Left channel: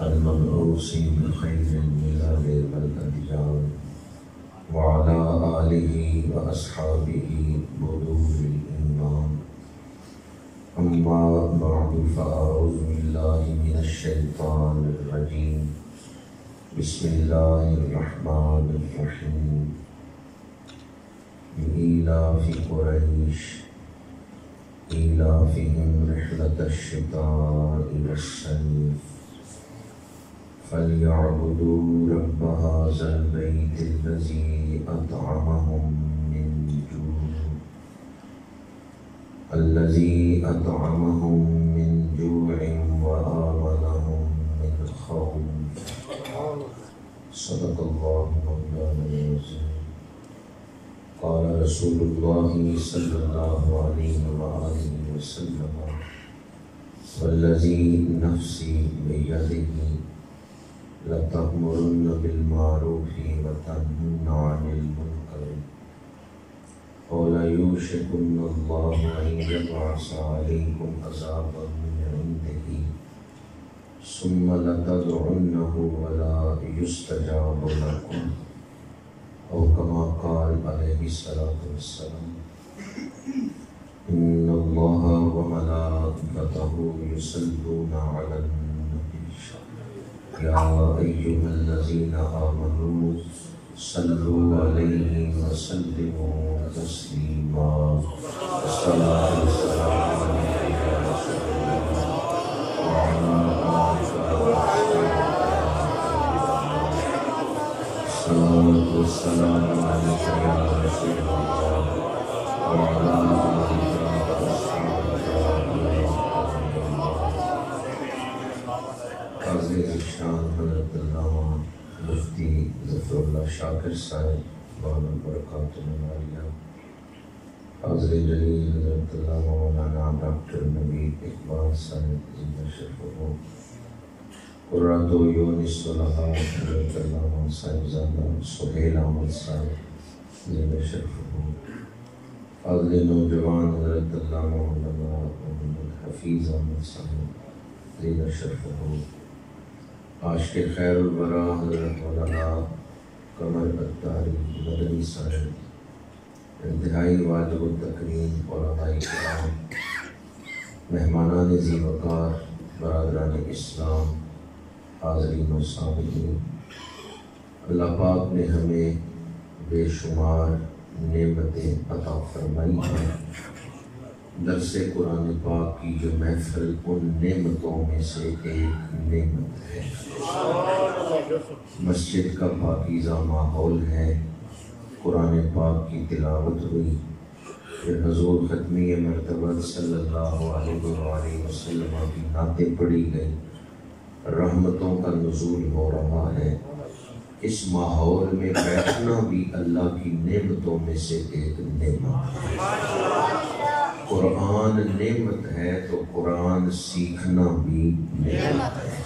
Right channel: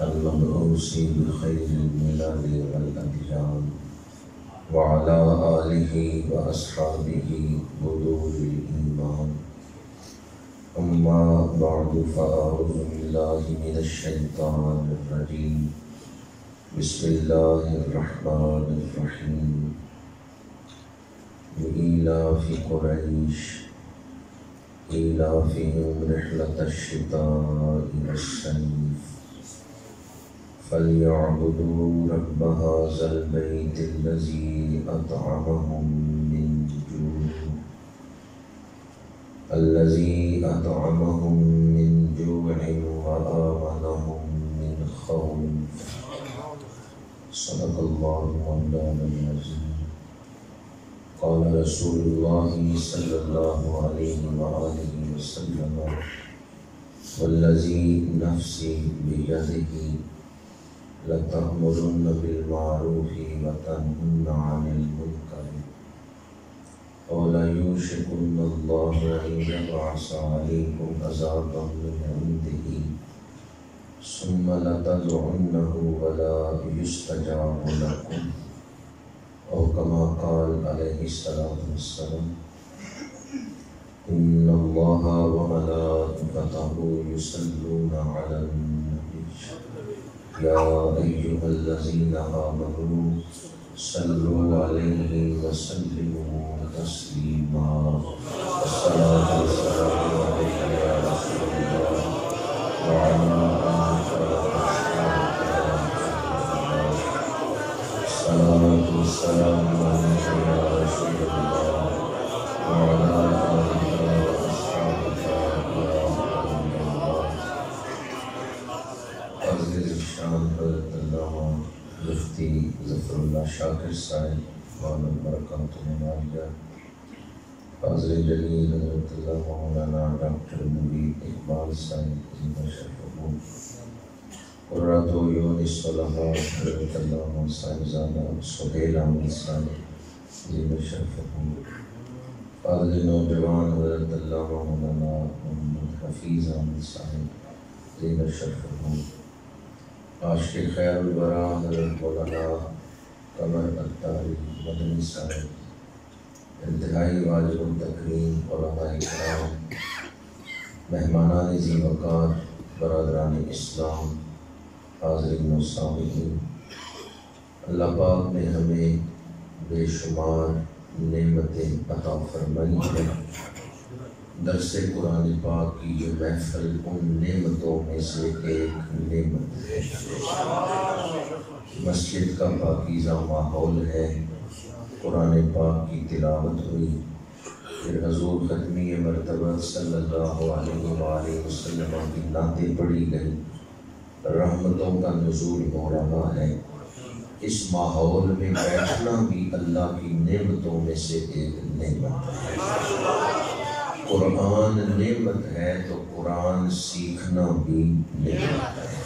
المبعوث بخير الملل والأديان وعلى آله وأصحابه بدور الإيمان. أما بعد فأعوذ بالله من الشيطان الرجيم. بسم الله الرحمن الرحيم. لإيلاف قريش إيلافهم رحلة الشتاء والصيف فليعبدوا رب هذا البيت الذي أطعمهم من جوع وآمنهم من خوف. صدق الله مولانا العظيم. قال رسول الله صلى الله عليه وآله وسلم والذي نفسي بيده لتأمرن بالمعروف وتنهون عن المنكر وليوشكن الله أن يبعث عليكم عذابا من عنده ثم لتدعنه ولا يستجاب لكم أو كما قال عليه الصلاة والسلام. إن الله وملائكته يصلون على النبي يا أيها الذين آمنوا صلوا عليه وسلموا تسليما. الصلاة والسلام عليك يا رسول الله وعلى آلك الصلاة والسلام عليك يا رسول الله وعلى آلك وأصحابك يا نبي الله. عزیز شان حضرت علامہ مفتی ظفر اللہ شاکر صاحب دامت برکاتہ عالیہ، حاضر جلیل حضرت علامہ مولانا ڈاکٹر نوید اقبال صاحب زندہ شرفہم، قرۃ عیون الصلحاء حضرت علامہ صاحبزادہ سہیل احمد صاحب زندہ شرفہم، حاضر نوجوان حضرت علامہ مولانا محمد حفیظ احمد صاحب زندہ شرفہم، عاشق خیر الورا حضرت مولانا قمر اتاری مدنی صاحب، انتہائی واجب التکریم علماء کرام، مہمانان ذی وقار، برادران اسلام، حاضرین و سامعین، اللہ پاک نے ہمیں بے شمار نعمتیں عطا فرمائی ہیں۔ درس قرآن پاک کی یہ محفل ان نعمتوں میں سے ایک نعمت ہے۔ مسجد کا پاکیزہ ماحول ہے، قرآن پاک کی تلاوت ہوئی، پھر حضور ختمی مرتبہ صلی اللہ علیہ وآلہ وسلم کی نعتیں پڑھی گئی، رحمتوں کا نزول ہو رہا ہے۔ اس ماحول میں بیٹھنا بھی اللہ کی نعمتوں میں سے ایک نعمت ہے۔ قرآن نعمت ہے تو قرآن سیکھنا بھی نعمت ہے۔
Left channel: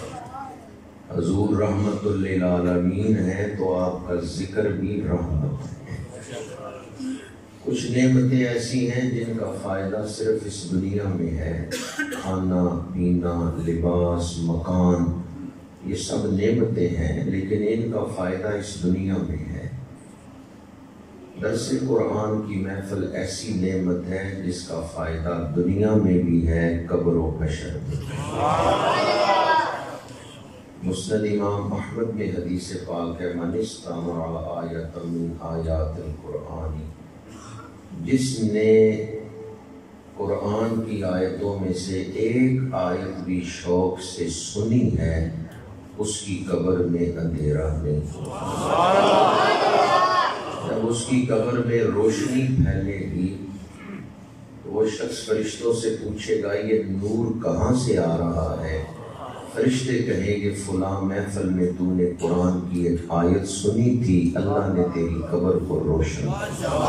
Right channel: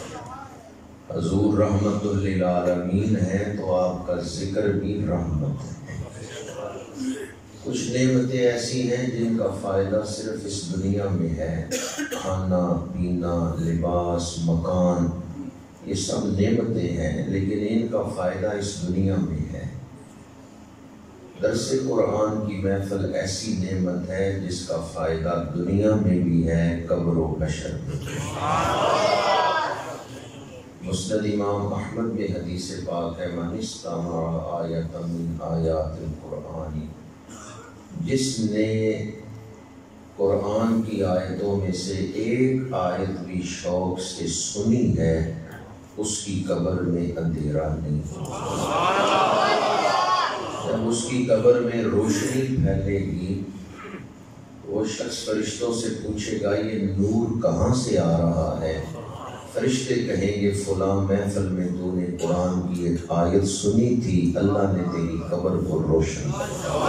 حضور رحمت للعالمین ہے تو آپ کا ذکر بھی رحمت ہے۔ کچھ نعمتیں ایسی ہیں جن کا فائدہ صرف اس دنیا میں ہے، کھانا پینا، لباس، مکان، یہ سب نعمتیں ہیں، لیکن ان کا فائدہ اس دنیا میں ہے۔ درس قرآن کی محفل ایسی نعمت ہے جس کا فائدہ دنیا میں بھی ہے، قبر و حشر میں بھی۔ مسند امام احمد میں حدیث پاک ہے، من استمع آیۃ من آیات القرآن، جس نے قرآن کی آیتوں میں سے ایک آیت بھی شوق سے سنی ہے، اس کی قبر میں اندھیرا نہیں۔ جب اس کی قبر میں روشنی پھیلے گی، وہ شخص فرشتوں سے پوچھے گا یہ نور کہاں سے آ رہا ہے؟ فرشتے کہیں گے فلاں محفل میں تو نے قرآن کی ایک آیت سنی تھی، اللہ نے تیری قبر کو روشن کیا۔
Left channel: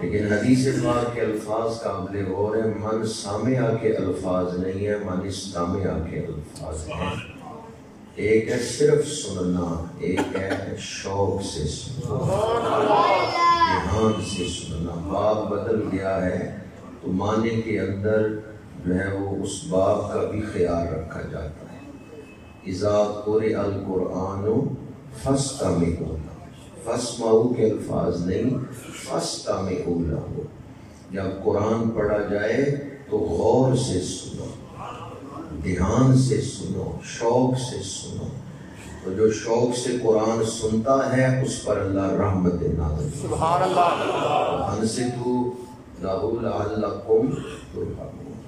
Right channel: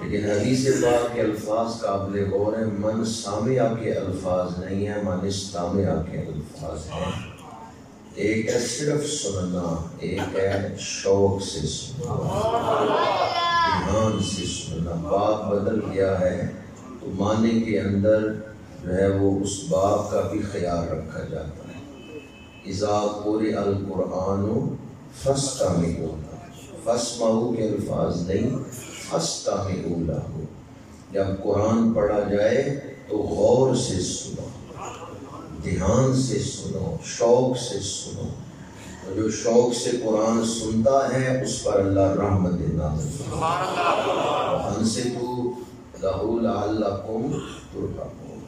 لیکن حدیث پاک کے الفاظ قابل غور ہیں، من سامعہ کے الفاظ نہیں ہیں، من استامعہ کے الفاظ ہیں۔ ایک ہے صرف سننا، ایک ہے شوق سے سننا، دھیان سے سننا۔ باب بدل گیا ہے تو معنی کے اندر جو ہے وہ اس باب کا بھی خیال رکھا جاتا ہے۔ اذا قرئ القرآن فاستمعوا لہ، فاسمعوا کے الفاظ نہیں، فاستمعوا لہ، جب قرآن پڑھا جائے تو غور سے سنو، دھیان سے سنو، شوق سے سنو۔ تو جو شوق سے قرآن سنتا ہے اس پر اللہ رحمت نازل، سبحان اللہ، انصتوا لہ لعلکم ترحمون۔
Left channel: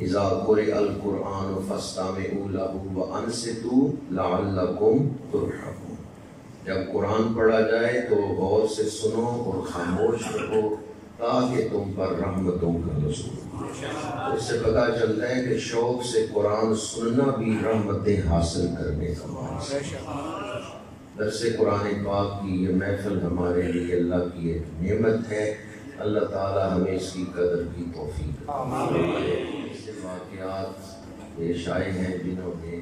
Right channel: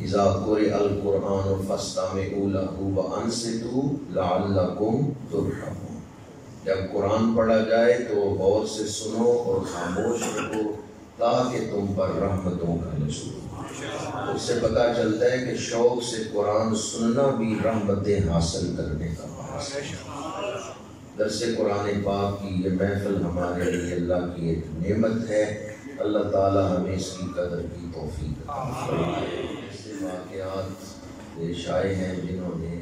اذا قرئ القرآن فاستمعوا لہ وانصتوا لعلکم ترحمون، جب قرآن پڑھا جائے تو غور سے سنو اور خاموش رہو تاکہ تم پر رحمتوں کا نزول۔ اس سے پتہ چلتا ہے کہ شوق سے قرآن سننا بھی رحمتیں حاصل کرنے کا باعث ہے۔ درس قرآن پاک کی یہ محفل ہمارے لیے اللہ کی ایک نعمت ہے، اللہ تعالی ہمیں اس کی قدر کی توفیق عطا۔ ایسے واقعات پیش آئے ہیں جنہوں نے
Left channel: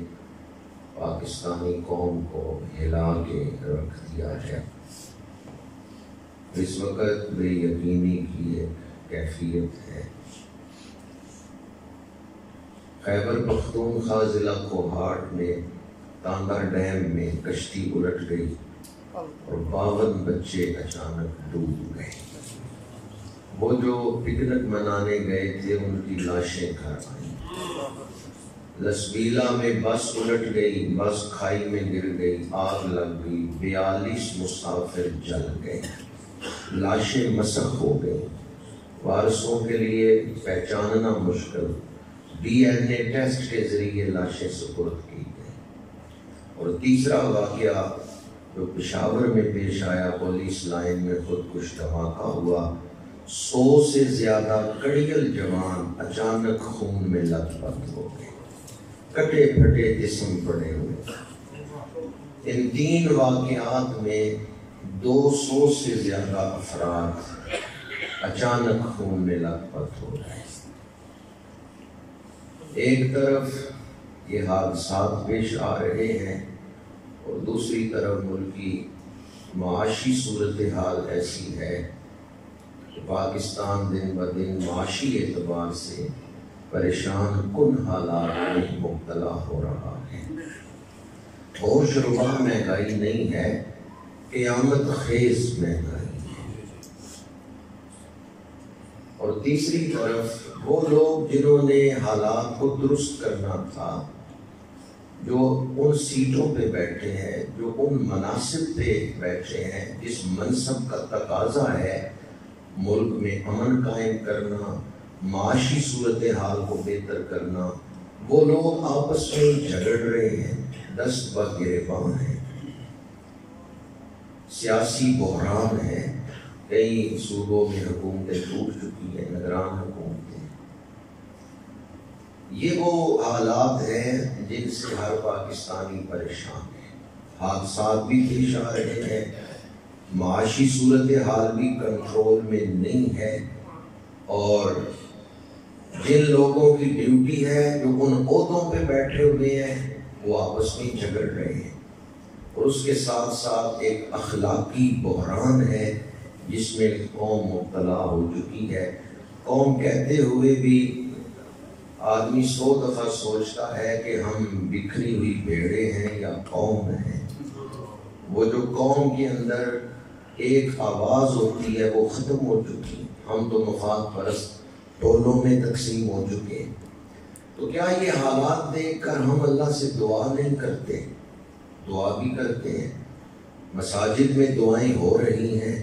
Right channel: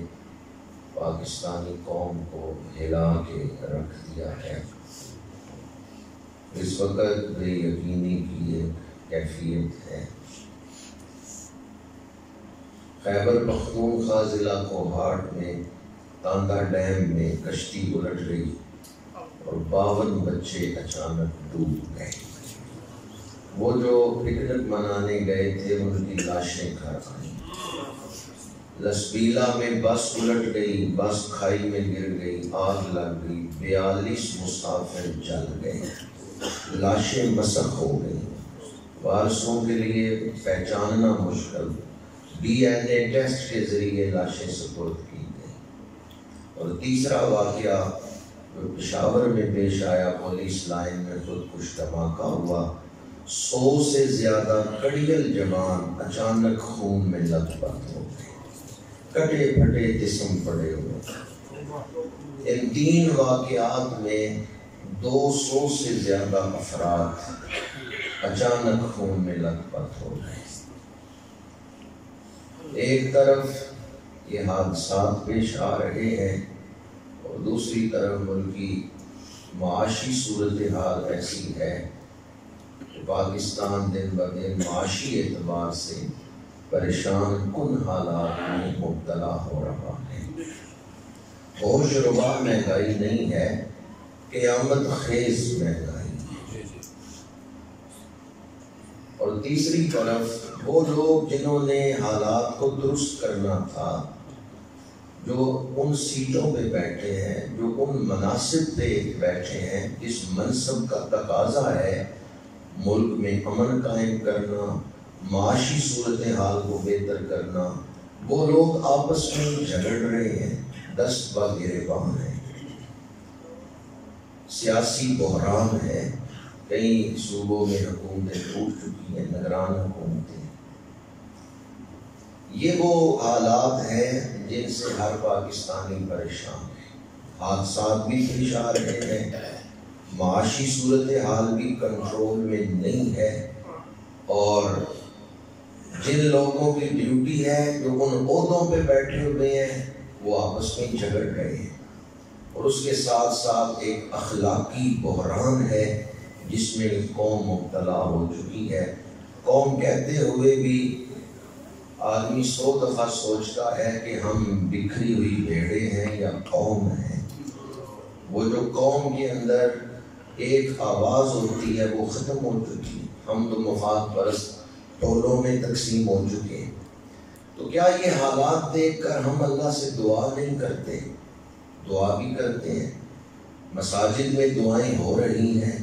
پاکستانی قوم کو ہلا کے رکھ دیا ہے۔ اس وقت بے یقینی کی ایک کیفیت ہے۔ خیبر پختونخوا ضلع کوہاٹ میں تاندا ڈیم میں کشتی الٹ گئی اور 52 بچے اچانک ڈوب گئے۔ وہ جو پکنک منانے گئے تھے ان کی لاشیں گھر آئیں۔ لسبیلا میں بس الٹ گئی، بس کھائی میں گر گئی، آگ لگ گئی، 42 مسافر جل گئے، لاشیں مسخ ہو گئی، وارثوں کے لیے پہچاننا مشکل، ڈی این اے ٹیسٹ کے ذریعے لاشیں سپرد کی گئی۔ اور تیسرا واقعہ جو پشاور میں پیش آیا، پولیس لائن میں خودکش دھماکہ ہوا، 100 سے زیادہ کڑیل جوان اچانک خون میں لت پت ہو گئے، کٹے پھٹے جسم پڑے ہوئے۔ ان 3 واقعات میں 200 سے زیادہ افراد اچانک خون میں لت پت ہو گئے۔ ایک طرف یہ حادثات پیش آ رہے ہیں اور دوسری طرف ملکی معاشی صورتحال ایسی ہے کہ پاکستان دن بدن معاشی اعتبار سے پریشان کن حالات میں مبتلا ہو رہا ہے۔ ہوش ربا مہنگائی نہیں ہے، قیامت خیز مہنگائی ہے۔ اور تیسری طرف وہ لوگ جنہوں نے حالات کو درست کرنا تھا، جو ان سیٹوں پہ بیٹھے ہیں، جو ان مناصب پہ بیٹھے ہیں جس منصب کا تقاضا ہے ملک میں امن قائم کرنا، معاشی صورتحال کو بہتر کرنا، وہ لوگ آپس میں جھگڑ رہے ہیں، دست با گریباں ہیں، سیاسی بحران ہے، کئی صوبوں میں حکومتیں ٹوٹ چکی ہیں، نگران حکومتیں۔ یہ وہ حالات ہیں جن سے ہر پاکستانی پریشان ہے۔ حادثات بھی پیش آ رہے ہیں، معاشی صورتحال بھی کنٹرول میں نہیں ہے، اور جن لوگوں کی ڈیوٹی ہے جو ان عہدوں پہ بیٹھے ہوئے ہیں وہ آپس میں جھگڑ رہے ہیں۔ اور اس کے ساتھ ساتھ ایک اخلاقی بحران ہے جس میں قوم مبتلا ہو چکی ہے۔ قوم کہتے ہوئے بھی آدمی 100 دفعہ سوچتا ہے کہ ہم بکھری ہوئی بھیڑیں ہیں یا قوم ہیں۔ وہ جو قوم کے اندر ایک آواز ہوتی ہے وہ ختم ہو چکی، ہم تو مفاد پرست ٹولوں میں تقسیم ہو چکے۔ تو کیا یہ حالات دیکھ کر ہم اللہ سے دعا نہیں کرتے؟ دعا بھی کرتے ہیں، مساجد میں دعائیں ہو رہی ہیں،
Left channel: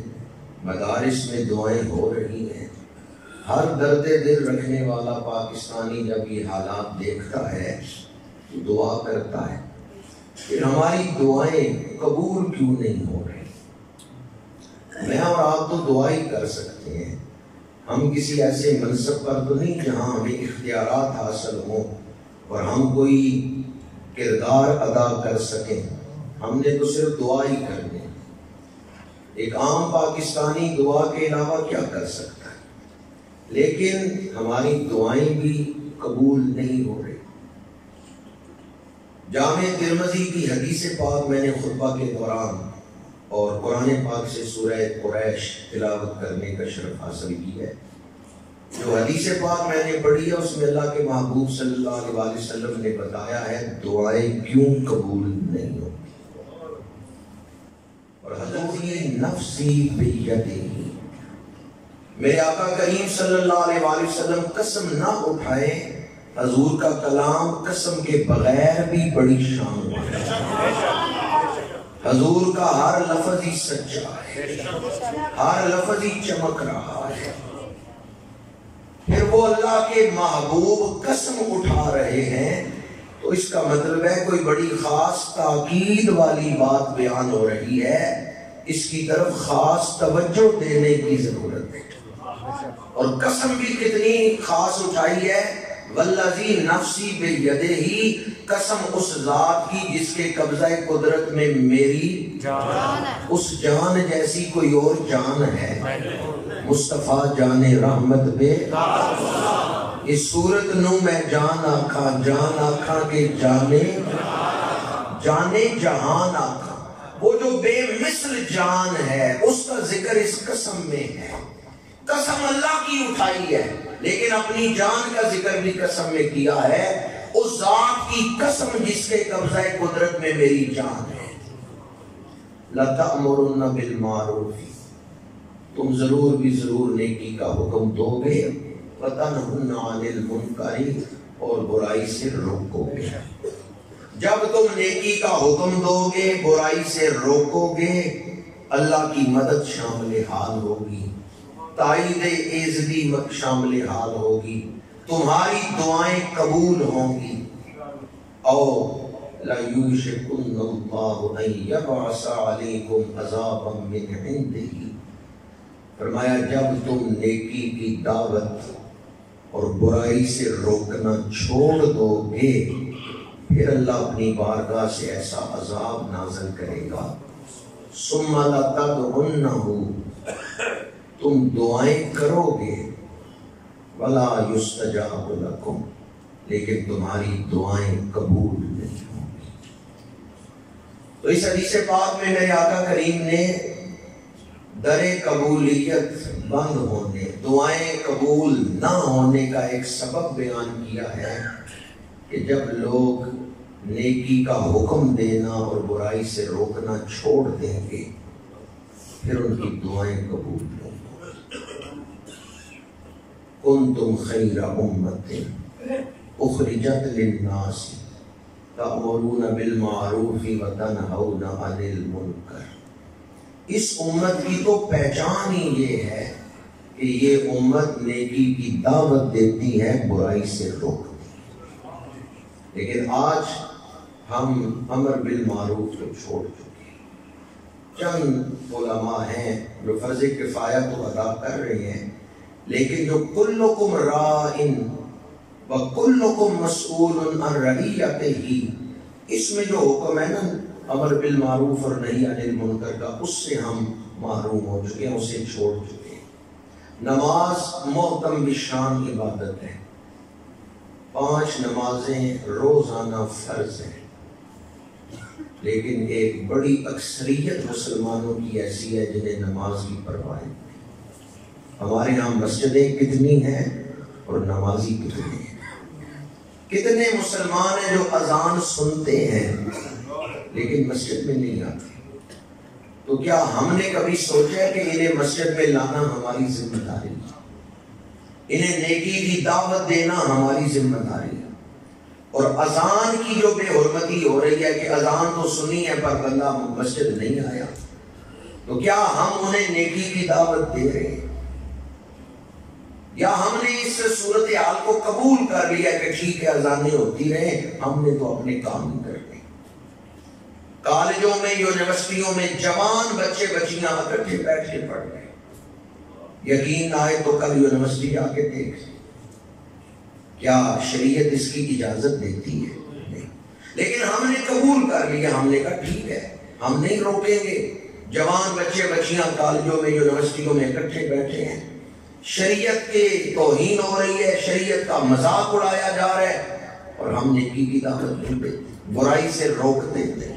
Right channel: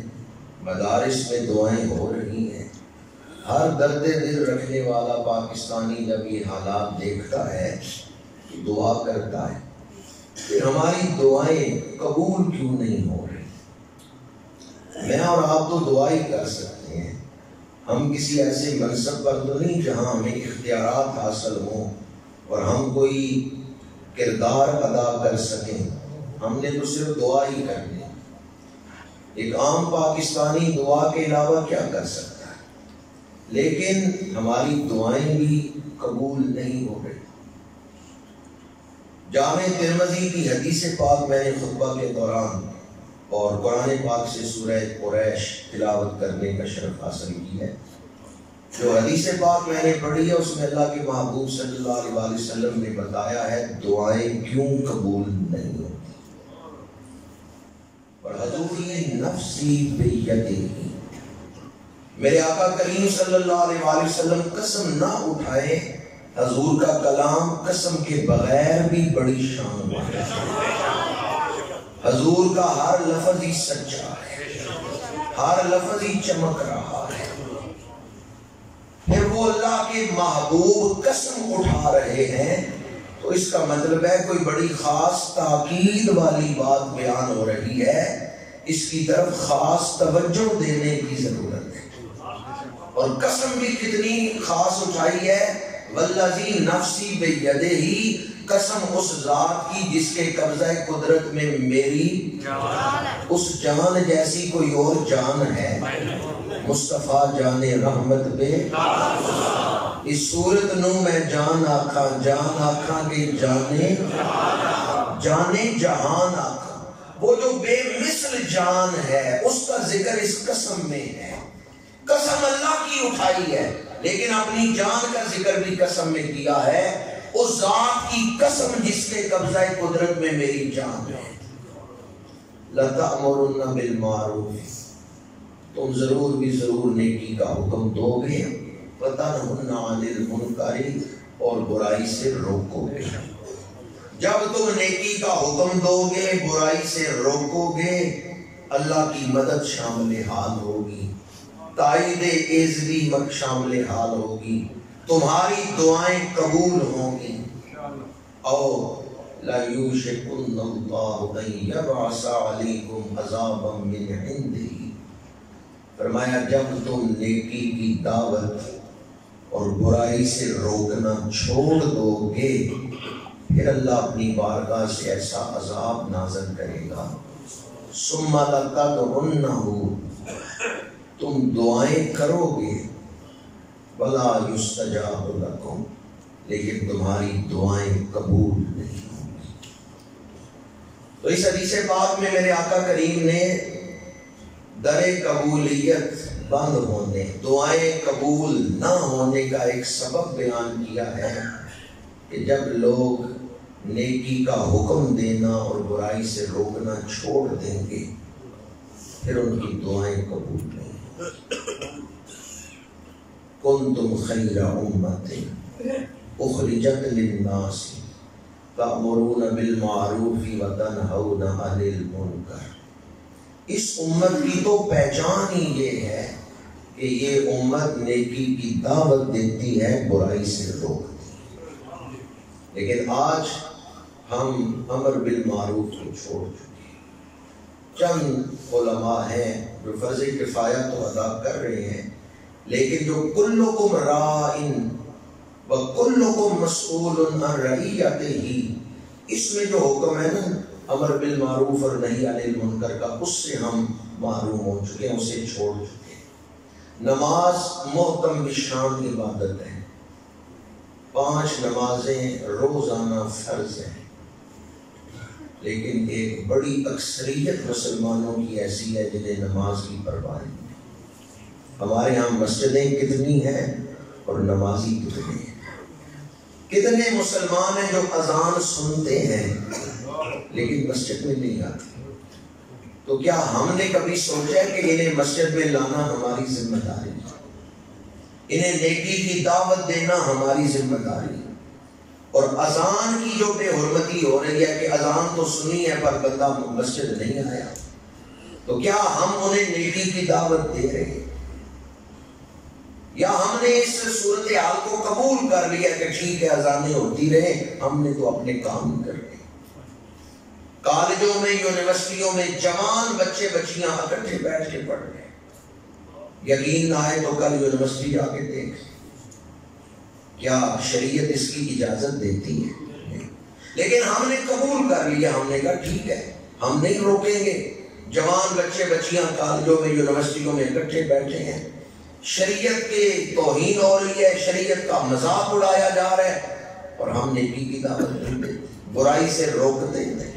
مدارس میں دعائیں ہو رہی ہیں۔ ہر درد دل رکھنے والا پاکستانی جب یہ حالات دیکھتا ہے تو دعا کرتا ہے، پھر ہماری دعائیں قبول کیوں نہیں ہو رہی؟ میں اور آپ تو دعا ہی کر سکتے ہیں، ہم کسی ایسے منصب پر تو نہیں جہاں ہمیں اختیارات حاصل ہوں اور ہم کوئی کردار ادا کر سکیں، ہم نے تو صرف دعا ہی کرنی ہے۔ ایک عام پاکستانی دعا کے علاوہ کیا کر سکتا ہے؟ لیکن ہماری دعائیں بھی قبول نہیں ہو رہی۔ جامع ترمذی کی حدیث پاک میں نے خطبہ کے دوران اور قرآن پاک سے سورہ قریش تلاوت کرنے کا شرف حاصل کی ہے۔ جو حدیث پاک میں نے پڑھی ہے اس میں اللہ کے محبوب صلی اللہ علیہ وسلم نے بتایا ہے دعائیں کیوں قبول نہیں ہوتی. اور حضور یہ نفسی بیدہ، میرے آقا کریم صلی اللہ علیہ وسلم قسم نہ اٹھائے، حضور کا کلام قسم کے بغیر بھی بڑی شان ہے. حضور کا ہر لفظ ہی سچا ہے، ہر لفظ ہی چمک رہا ہے. پھر وہ اللہ کے محبوب قسم اٹھا رہے ہیں تو اس کا مطلب ہے کوئی بڑی خاص تاکید والی بات بیان ہو رہی ہے، اس کی طرف خاص توجہ دینے کی ضرورت ہے. اور قسم بھی کتنی خاص اٹھائی ہے، والذی نفسی بیدہ، قسم اس ذات کی جس کے قبضہ قدرت میں میری جان، اس جان جیسی کوئی اور جان ہے؟ مصطفیٰ جان رحمت بے اس صورت نو میں جان آکھاں کہ جانے جہان آکھاں. وہ جو بے مثل جان ہے اس کا ذکر اس قسم میں ہے. قسم اللہ کی اٹھائی ہے لیکن اپنی جان کا ذکر بھی قسم میں کیا ہے، اس ذات کی قسم جس کے قبضہ قدرت میں میری جان ہے. لَتَأْمُرُنَّ بِالْمَعْرُوفِ، تم ضرور بھی ضرور نیکی کا حکم دو گے، وَتَنْهُنَّ عَنِ الْمُنْكَرِ، اور برائی سے روکو گے. جب تم نیکی کا حکم دو گے، برائی سے روکو گے، اللہ کی مدد شامل حال ہوگی، تائید ایزدی شامل حال ہوگی، تمہاری دعائیں قبول ہوں گی. اور لَيُوشِكُنَّ اللَّهُ أَن يَبْعَثَ عَلَيْكُمْ عَذَابًا مِّنْ عِندِهِ، فرمایا جب تم نیکی کی دعوت اور برائی سے روکنا چھوڑ دو گے پھر اللہ اپنی بارگاہ سے ایسا عذاب نازل کرے گا. ثُمَّ لَتَدْعُنَّهُ، تم دعائیں کرو گے، وَلَا يُسْتَجَابُ لَكُمْ، لیکن تمہاری دعائیں قبول نہیں ہوں گی. تو اس حدیث پاک میں میرے آقا کریم نے در قبولیت بند ہونے، دعائیں قبول نہ ہونے کا ایک سبب بیان کیا ہے کہ جب لوگ نیکی کا حکم دینا اور برائی سے روکنا چھوڑ دیں گے پھر ان کی دعائیں قبول نہیں. کنتم خیر امت اخرجت للناس تأمرون بالمعروف وتنہون عن المنکر. اس امت کی تو پہچان ہی یہ ہے کہ یہ امت نیکی کی دعوت دیتی ہے، برائی سے روکتی ہے. لیکن آج ہم امر بالمعروف کو چھوڑ چکے ہیں. چند علماء ہیں جو فرض کفایہ تو ادا کر رہے ہیں، لیکن جو کلکم راعٍ وکلکم مسئول عن رعیتہ، اس میں جو حکم ہے نا امر بالمعروف اور نہی عن المنکر کا، اس سے ہم محروم ہو چکے ہیں، اسے چھوڑ چکے ہیں. نماز محتم بشان عبادت ہے، 5 نمازیں روزانہ فرض ہیں، لیکن ایک بڑی اکثریت مسلمانوں کی ایسی ہے جنہیں نماز کی پرواہ نہیں. ہمارے ہاں مسجدیں کتنی ہیں اور نمازی کتنے ہیں. کتنے مسلمان ہیں جو اذان سنتے ہیں لیکن مسجد میں نہیں آتے. تو کیا ہم نے کبھی سوچا ہے کہ انہیں مسجد میں لانا ہماری ذمہ داری ہے؟ انہیں نیکی کی دعوت دینا ہماری ذمہ داری ہے. اور اذان کی جو بے حرمتی ہو رہی ہے کہ اذان تو سنی ہے پر بندہ مسجد نہیں آیا، تو کیا ہم انہیں نیکی کی دعوت دے رہے ہیں؟ یا ہم نے اس صورتحال کو قبول کر لیا کہ ٹھیک ہے اذانیں ہوتی رہیں، ہم نے تو اپنے کام ہی کرنے. کالجوں میں یونیورسٹیوں میں جوان بچے بچیاں اکٹھے بیٹھ کے پڑھ رہے ہیں. یقین آئے تو کل یونیورسٹی جا کے دیکھ، کیا شریعت اس کی اجازت دیتی ہے؟ لیکن ہم نے قبول کر لیا، ہم نے کہا ٹھیک ہے ہم نہیں روکیں گے. جوان بچے بچیاں کالجوں میں یونیورسٹیوں میں اکٹھے بیٹھے ہیں، شریعت کے توہین ہو رہی ہے، شریعت کا مذاق اڑایا جا رہا ہے، اور ہم نیکی کی دعوت نہیں دیتے، برائی سے روکتے تھے.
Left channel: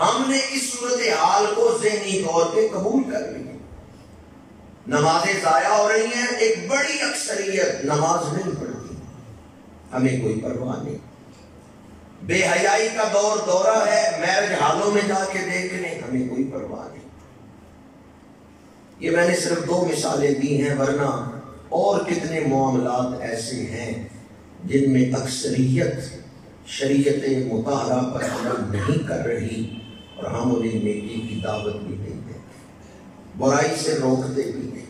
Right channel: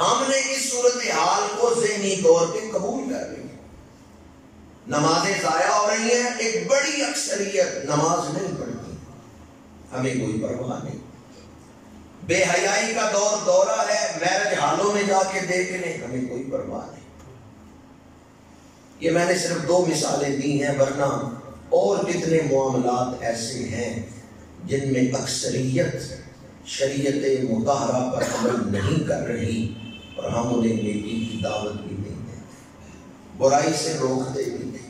ہم نے اس صورتحال کو ذہنی طور پہ قبول کر لیا. نمازیں ضائع ہو رہی ہیں، ایک بڑی اکثریت نماز نہیں پڑھتی، ہمیں کوئی پرواہ نہیں۔ بے حیائی کا دورہ ہے، میرج ہالوں میں جا کے دیکھ لیں، ہمیں کوئی پرواہ نہیں۔ یہ میں نے صرف 2 مثالیں دی ہیں، ورنہ اور کتنے معاملات ایسے ہیں جن میں اکثریت شریعت مطہرہ پر عمل نہیں کر رہی اور ہم انہیں نیکی کی دعوت بھی نہیں دیتے، برائی سے روکتے بھی نہیں۔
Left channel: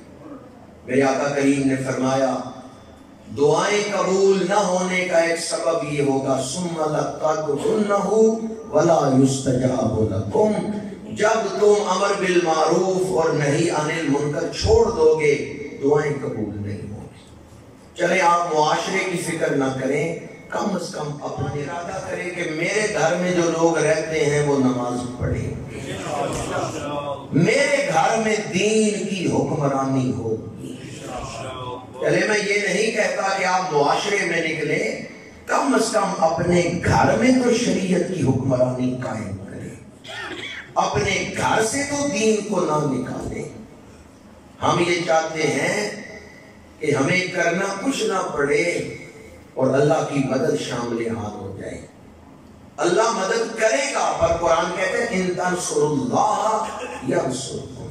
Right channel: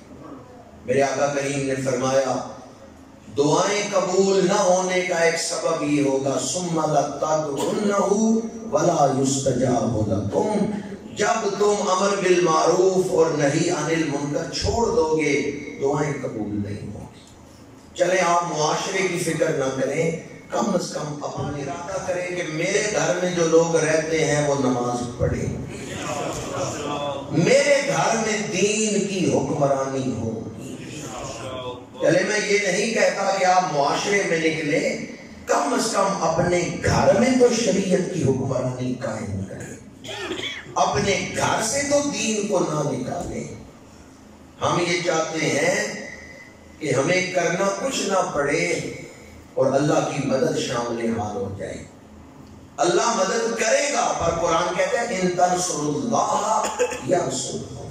میرے آقا کریم نے فرمایا دعائیں قبول نہ ہونے کا ایک سبب یہ ہوگا ثم لتدعونہ ولا یستجاب لکم، جب تم امر بالمعروف اور نہی عن المنکر چھوڑ دو گے دعائیں قبول نہیں ہوگی۔ چلیں آپ معاشرے کی فکر نہ کریں، کم از کم اپنا ارادہ کریں کہ میرے گھر میں جو لوگ رہتے ہیں وہ نماز پڑھیں، میرے گھر میں دین کی حکمرانی ہوگی۔ چلے میں یہ نہیں کہتا کہ آپ معاشرے میں نکلیں، کم از کم اپنے گھر میں تو شریعت کی حکمرانی قائم کریں، اپنے گھر سے تو دین کو نہ نکالیں۔ ہم یہ چاہتے ہیں کہ ہمیں کرنا کچھ نہ پڑے اور اللہ کی مدد شامل حال ہو جائے۔ اللہ مدد کرے گا، پر قرآن کہتا ہے ان تنصروا اللہ ینصرکم،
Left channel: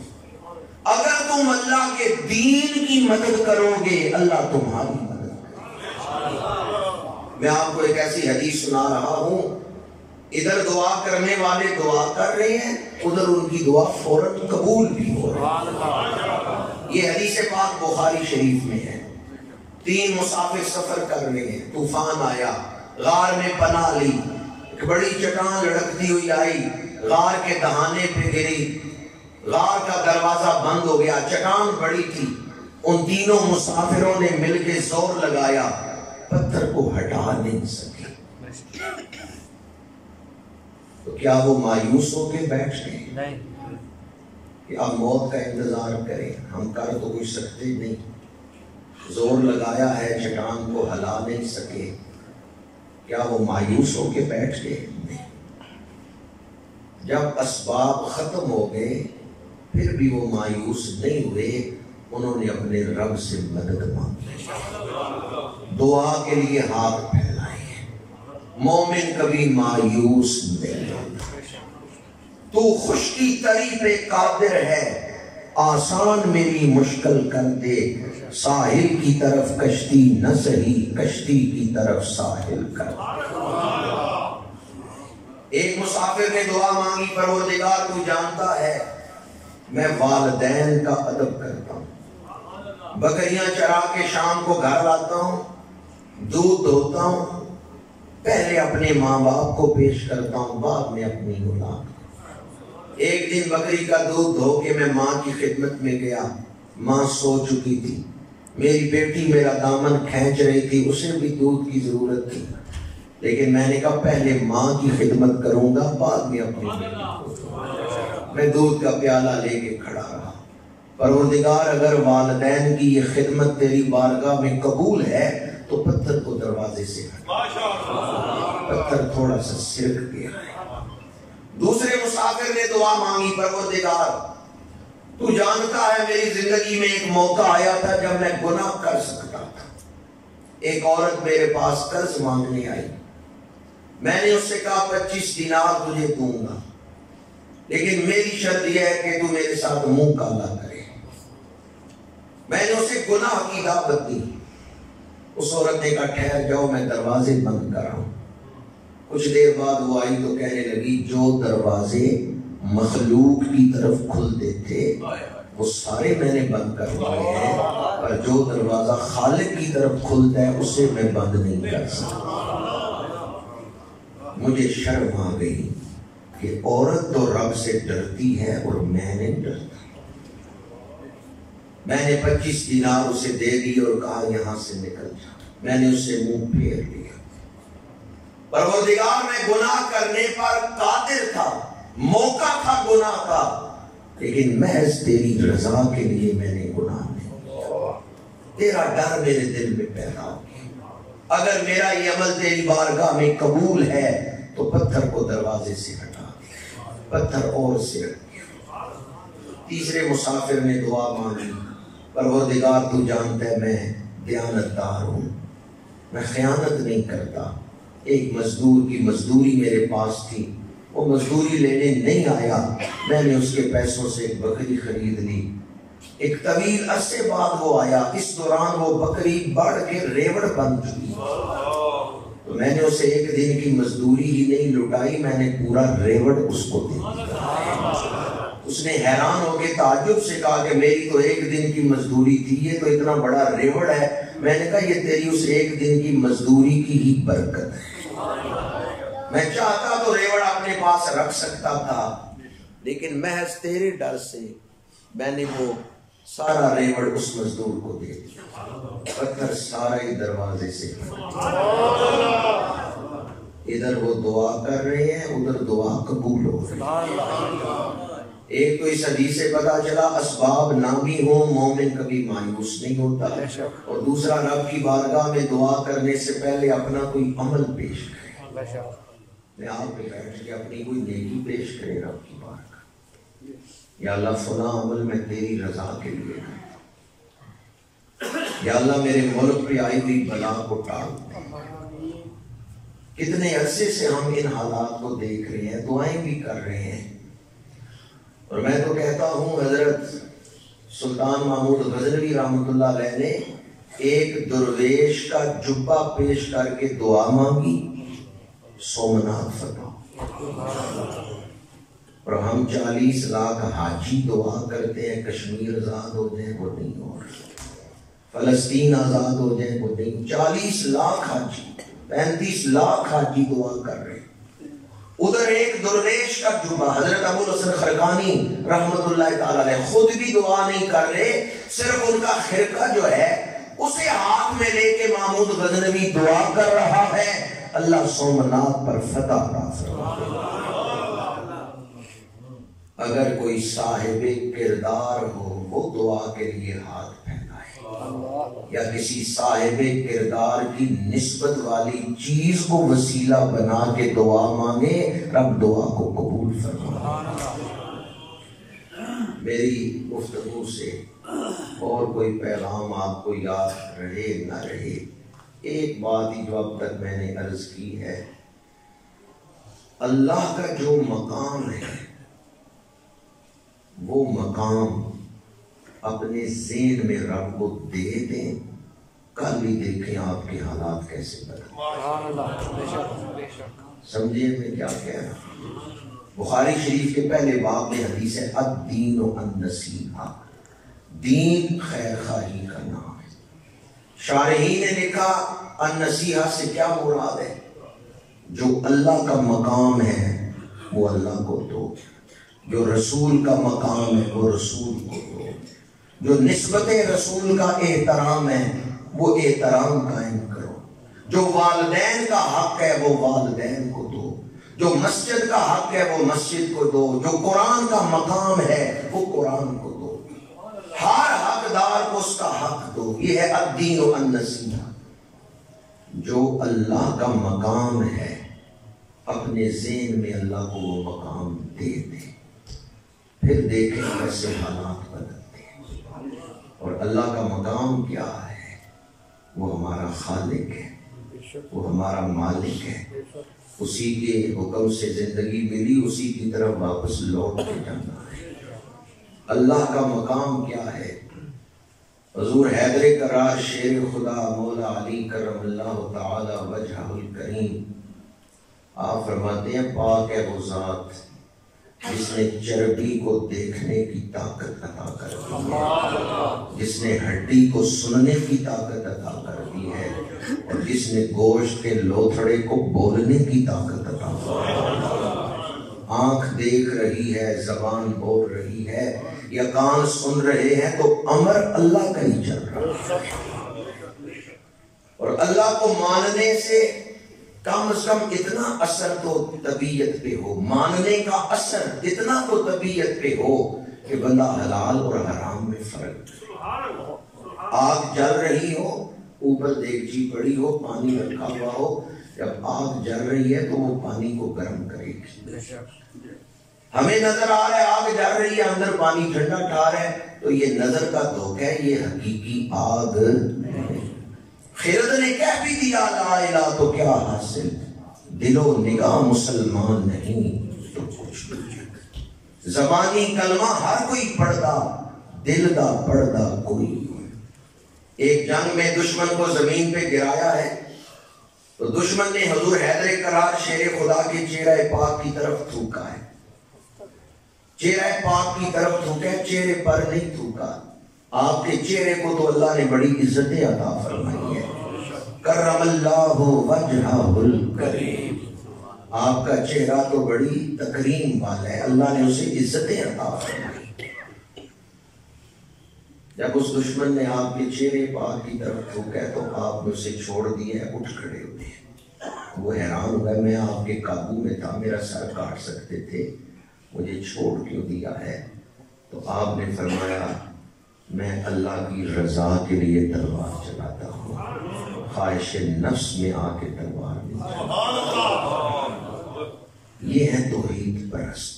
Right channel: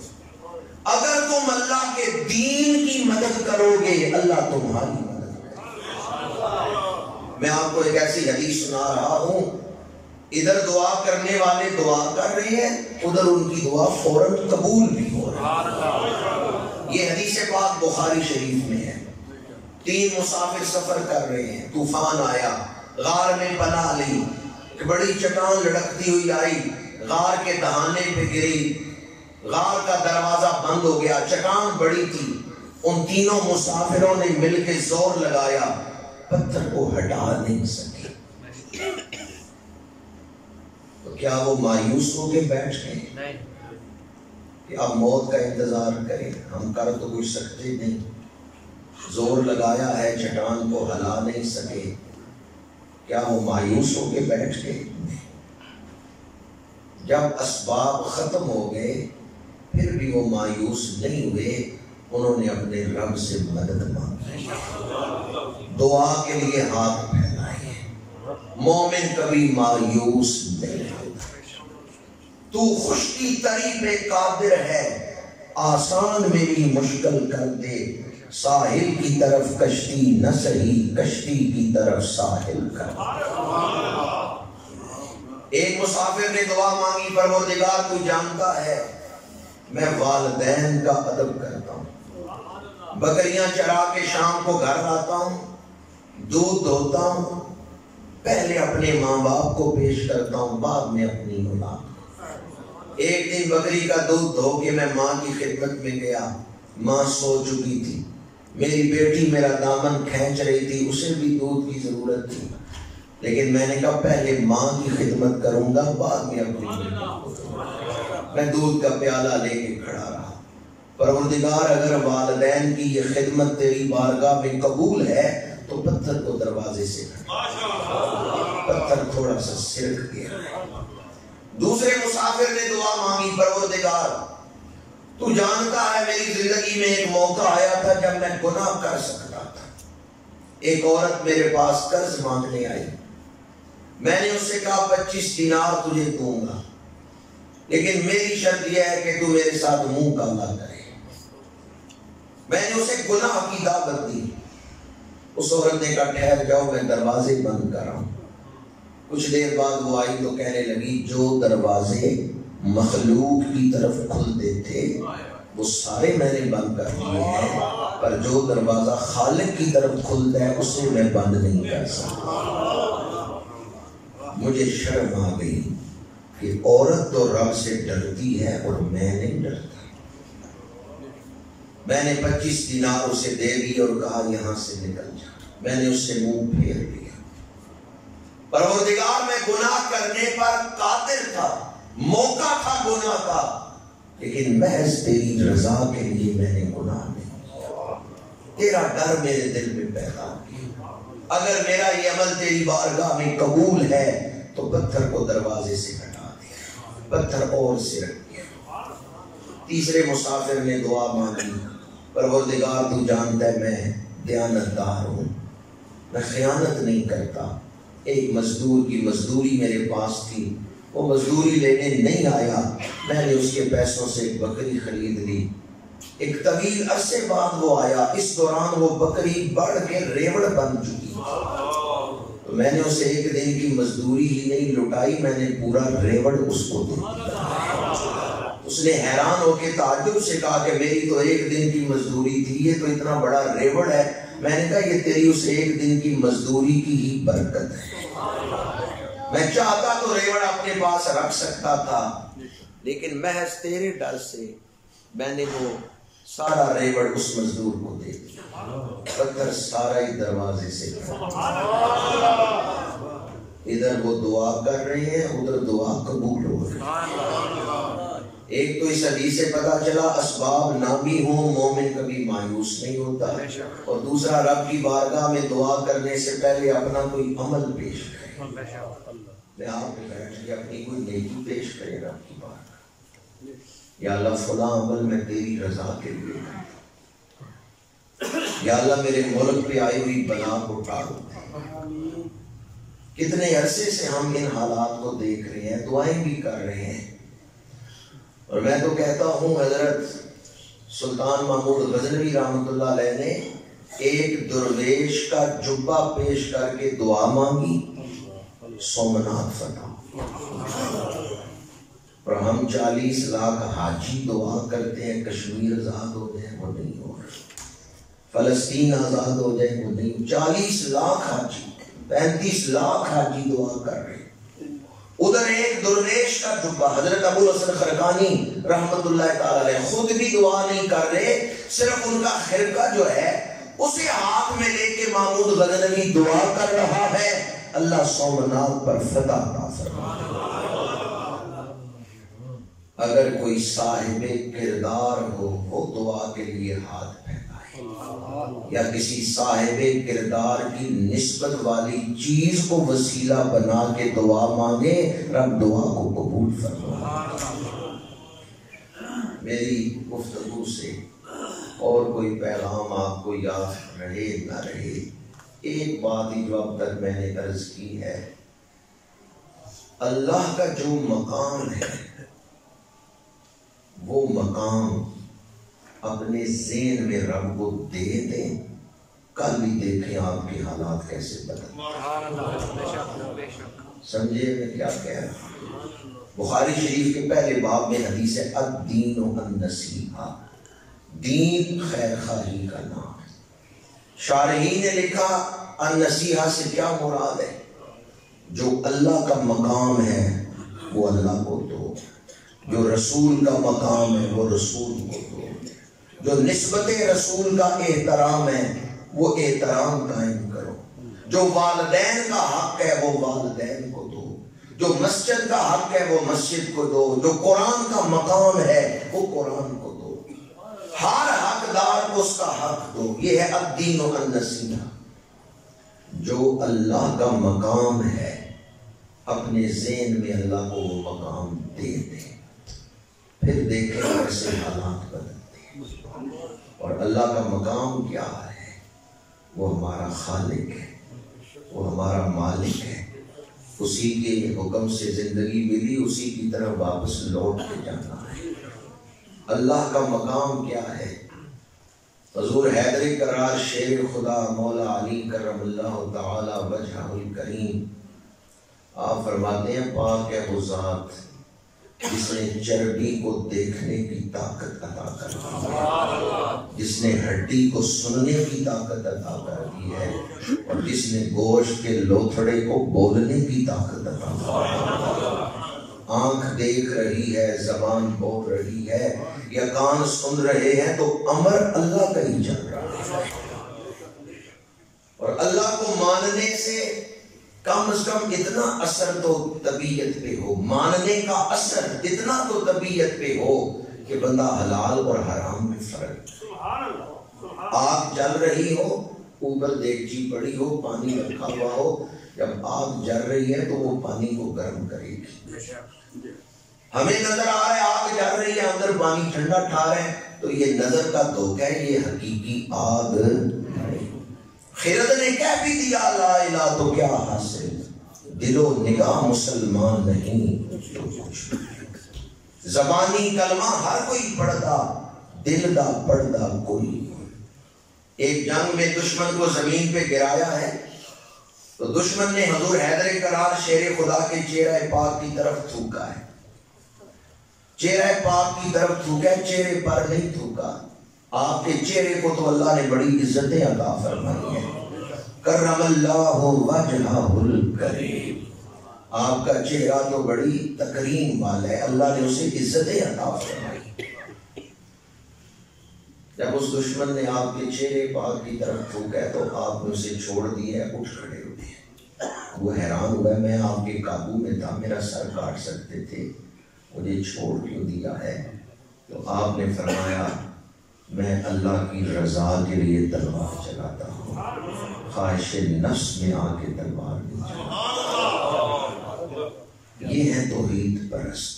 اگر تم اللہ کے دین کی مدد کرو گے اللہ تمہاری مدد کرے گا۔ میں آپ کو ایک ایسی حدیث سنا رہا ہوں، ادھر دعا کرنے والے دعا کر رہے ہیں، ادھر ان کی دعا فوراً قبول بھی ہو رہی ہے۔ یہ حدیث پاک بخاری شریف میں ہے۔ 3 مسافر سفر کر رہے ہیں، طوفان آیا، غار میں پناہ لی، بڑی چٹان لڑکتی ہوئی آئی، غار کے دہانے پہ گری، غار کا دروازہ بند ہو گیا، چٹان بڑی تھی، ان تینوں مسافروں نے مل کے زور لگایا، پتھر کو ہٹا نہیں سکے۔ تو کیا وہ مایوس ہو کے بیٹھ گئے کہ اب موت کا انتظار کریں؟ ہم کر تو کوئی سکتے نہیں، زور لگایا ہے چٹان کو ہلا نہیں سکے، کیا وہ مایوس ہو کے بیٹھ گئے؟ جب اسباب ختم ہو گئے پھر بھی وہ مایوس نہیں ہوئے، انہوں نے اپنے رب سے مدد مانگی، دعا کے لیے ہاتھ پھیلائے۔ مومن کبھی مایوس نہیں ہوتا۔ تو خشکی تری پہ قادر ہے، آسان میری مشکل کر دے، ساحل کی طرف کشتی نہ سہی کشتی کی طرف ساحل کر۔ ایک مسافر نے دعا مانگی، پروردگار تو جانتا ہے میں والدین کا ادب کرتا ہوں، بکریاں چرا کے شام کو گھر آتا ہوں، دودھ دھوتا ہوں، پہلے اپنے ماں باپ کو پیش کرتا ہوں، بعد میں اپنی اولاد۔ ایک دن بکری کا دودھ دھو کے میں ماں کی خدمت میں گیا، ماں سو چکی تھی، میری بیٹی میرا دامن کھینچ رہی تھی، اسے بھی دودھ کی ضرورت تھی، لیکن میں نے کہا پہلے ماں کی خدمت کروں گا بعد میں اپنی۔ میں دودھ کا پیالہ لے کے کھڑا رہا۔ پروردگار اگر والدین کی یہ خدمت تیری بارگاہ میں قبول ہے تو پتھر کو دروازے سے ہٹا۔ پتھر تھوڑا سا سرک گیا۔ دوسرے مسافر نے دعا مانگی، پروردگار تو جانتا ہے میری زندگی میں ایک موقع آیا تھا جب میں گناہ کر سکتا تھا۔ ایک عورت میرے پاس قرض مانگنے آئی، میں نے اس سے کہا 25 دینار تجھے دوں گا، لیکن میری شرط یہ ہے کہ تو میرے ساتھ منہ کالا کرے۔ میں نے اسے گناہ کی دعوت دی۔ اس عورت نے کہا ٹھہر جاؤ میں دروازے بند کر رہا ہوں۔ کچھ دیر بعد وہ آئی تو کہنے لگی جو دروازے مخلوق کی طرف کھلتے تھے وہ سارے میں نے بند کر دیے ہیں، پر جو دروازہ خالق کی طرف کھلتا ہے اسے میں بند نہیں کر سکتا۔ مجھے شرم آ گئی کہ عورت تو رب سے ڈرتی ہے اور میں نہیں ڈرتا۔ میں نے 25 دینار اسے دے دی اور کہا یہاں سے نکل جا۔ میں نے اس سے منہ پھیر لیا۔ پروردگار میں گناہ کرنے پر قادر تھا، موقع تھا گناہ کا، لیکن محض تیری رضا کے لیے میں نے گناہ نہیں کیا۔ تیرا ڈر میرے دل میں پیدا کیا۔ اگر میرا یہ عمل تیری بارگاہ میں قبول ہے تو پتھر کو دروازے سے ہٹا دے۔ پتھر اور سے رکھ دیا۔ تیسرے مسافر نے دعا مانگی، پروردگار تو جانتا ہے میں دیانتدار ہوں، میں خیانت نہیں کرتا۔ ایک مزدور کی مزدوری میرے پاس تھی، وہ مزدوری لینے نہیں آیا، میں نے اس کے پیسوں سے ایک بکری خرید لی۔ ایک طویل عرصے بعد وہ آیا، اس دوران وہ بکری بڑھ کے ریوڑ بن چکی، تو میں نے اسے ایک دن کی مزدوری ہی نہیں لٹائی، میں نے پورا ریوڑ اس کو دیا۔ اس نے حیران ہو کے تعجب سے کہا کہ میری تو ایک دن کی مزدوری تھی، یہ تو اتنا بڑا ریوڑ ہے۔ میں نے کہا یہ تیری اس ایک دن کی مزدوری کی ہی برکت ہے، میں چاہتا تو ریوڑ اپنے پاس رکھ سکتا تھا، لیکن محض تیرے ڈر سے میں نے وہ سارا ریوڑ اس مزدور کو دے دیا۔ پتھر سارا ہی دروازے سے، ادھر وہ دعا کر رہے ہیں، ادھر دعا قبول ہو رہی ہے۔ ایک تو اس حدیث سے پتا چلا اسباب نہ بھی ہوں مومن کبھی مایوس نہیں ہوتا، اور دوسرا رب کی بارگاہ میں دعا کرنے سے پہلے اپنا کوئی عمل پیش کرے، میں آپ پہ بیٹھ کے اپنی کوئی نیکی پیش کرے رب کی بارگاہ، یا اللہ فلاں عمل میں تیری رضا کے لیے، یا اللہ میرے ملک پہ آئی ہوئی بلا کو ٹال۔ کتنے عرصے سے ہم ان حالات کو دیکھ رہے ہیں، دعائیں بھی کر رہے ہیں، اور میں تو کہتا ہوں حضرت سلطان محمود غزنوی رحمۃ اللہ علیہ نے ایک درویش کا جبہ پیش کر کے دعا مانگی، سومنات فتح۔ اور ہم 40 لاکھ حاجی دعا کرتے ہیں کشمیر آزاد ہو جائے، وہ نہیں ہو رہا، فلسطین آزاد ہو جائے، وہ نہیں۔ 40 لاکھ حاجی، 35 لاکھ حاجی دعا کر رہے ہیں، ادھر ایک درویش کا جبہ۔ حضرت ابو الحسن خرقانی رحمت اللہ تعالی علیہ خود بھی دعا نہیں کر رہے، صرف ان کا خرقہ جو ہے اسے ہاتھ میں لے کے محمود غزنوی دعا کر رہا ہے، اللہ سومنات پر فتح عطا فرمائے۔ اگر کوئی صاحب کردار ہو وہ دعا کے لیے ہاتھ پھیلائے، یا کسی صاحب کردار کی نسبت والی چیز کو وسیلہ بنا کے دعا مانگے، رب دعا کو قبول فرمائے۔ میری گفتگو سے اور کوئی پیغام آپ کو یاد رہے نہ رہے، ایک بات ہی جو اب تک میں نے عرض کی ہے، اللہ کا جو مقام ہے وہ مقام اپنے ذہن میں رب کو دے دیں، کل ہی دیکھیں آپ کے حالات کیسے بدلیں۔ سمجھے میں کیا کہہ رہا ہوں؟ بخاری شریف کے پہلے باب میں حدیث ہے الدین النصیحہ، دین خیر خواہی کا نام ہے۔ شارحین نے لکھا النصیحہ سے کیا مراد ہے؟ جو اللہ کا مقام ہے وہ اللہ کو دو، جو رسول کا مقام ہے وہ رسول کو دو، جو نسبت رسول کا احترام ہے وہ احترام قائم کرو، جو والدین کا حق ہے وہ والدین کو دو، جو مسجد کا حق ہے وہ مسجد کو دو، جو قرآن کا مقام ہے وہ قرآن کو دو، ہر حقدار کو اس کا حق دو۔ یہ ہے الدین النصیحہ۔ جو اللہ کا مقام ہے اپنے ذہن میں اللہ کو وہ مقام دے دے، پھر دیکھیں کیسے حالات بدلتے ہیں۔ اور اللہ کا مقام کیا ہے؟ وہ ہمارا خالق ہے، وہ ہمارا مالک ہے، اسی کے حکم سے زندگی ملی، اسی کی طرف واپس لوٹ کے جانا ہے۔ اللہ کا مقام کیا ہے؟ حضور حیدر کرار شیر خدا مولا علی کرم اللہ تعالی وجہہ الکریم، آپ فرماتے ہیں پاک ہے وہ ذات جس نے چربی کو دیکھنے کی طاقت عطا کر دی، جس نے ہڈی کو سننے کی طاقت عطا کر دی ہے، اور جس نے گوشت کے لوتھڑے کو بولنے کی طاقت عطا کر دی۔ آنکھ دیکھ رہی ہے، زبان بول رہی ہے، یا کان سن رہے ہیں، تو امر اللہ کا ہی چل رہا ہے۔ اور اللہ کو ماننے سے کم از کم اتنا اثر تو طبیعت پہ ہو، ماننے کا اثر اتنا تو طبیعت پہ ہو کہ بندہ حلال اور حرام میں فرق۔ آگ جل رہی ہو، اوپر دیگچی پڑی ہو، پانی رکھا ہوا ہو، جب آگ جل رہی ہے تو وہ پانی کو گرم کرے گی۔ ہمیں نظر آ رہا ہے آگ جل رہی ہے، اندر پانی ٹھنڈا ٹھار ہے، تو یہ نظر کا دھوکہ ہے، یہ حقیقی آگ نہیں۔ خرد نے کہہ بھی دیا لا الہ تو کیا حاصل، دل و نگاہ مسلمان نہیں تو کچھ نہیں۔ زبانی کلمہ ہر کوئی پڑھدا، دل دا پڑھدا کوئی۔ ایک جنگ میں دشمن کو زمین پہ گرایا ہے تو دشمن نے حضور حیدر کرار شیر خدا کے چہرہ پاک کی طرف تھوکا ہے، چہرہ پاک کی طرف تھوکا ہے، چہرے پر نہیں تھوکا۔ آپ کے چہرے کو تو اللہ نے بڑی عزتیں عطا فرمائی ہے، کرم اللہ وجہہ الکریم، آپ کا چہرہ تو بڑی تکریم والا ہے، اللہ نے اسے عزتیں عطا فرمائی۔ جب اس دشمن نے آپ کے چہرے پاک کی طرف تھوکا ہے تو آپ نے اسے چھوڑ دیا ہے، اٹھ کھڑے ہوئے۔ وہ حیران ہوا، میں آپ کے قابو میں تھا، میرا سر کاٹ سکتے تھے، مجھے چھوڑ کیوں دیا ہے؟ تو آپ نے فرمایا میں اللہ کی رضا کے لیے تلوار چلاتا ہوں، خواہش نفس میں آ کے تلوار نہیں چلاتا۔ یہ ہے توحید پرست۔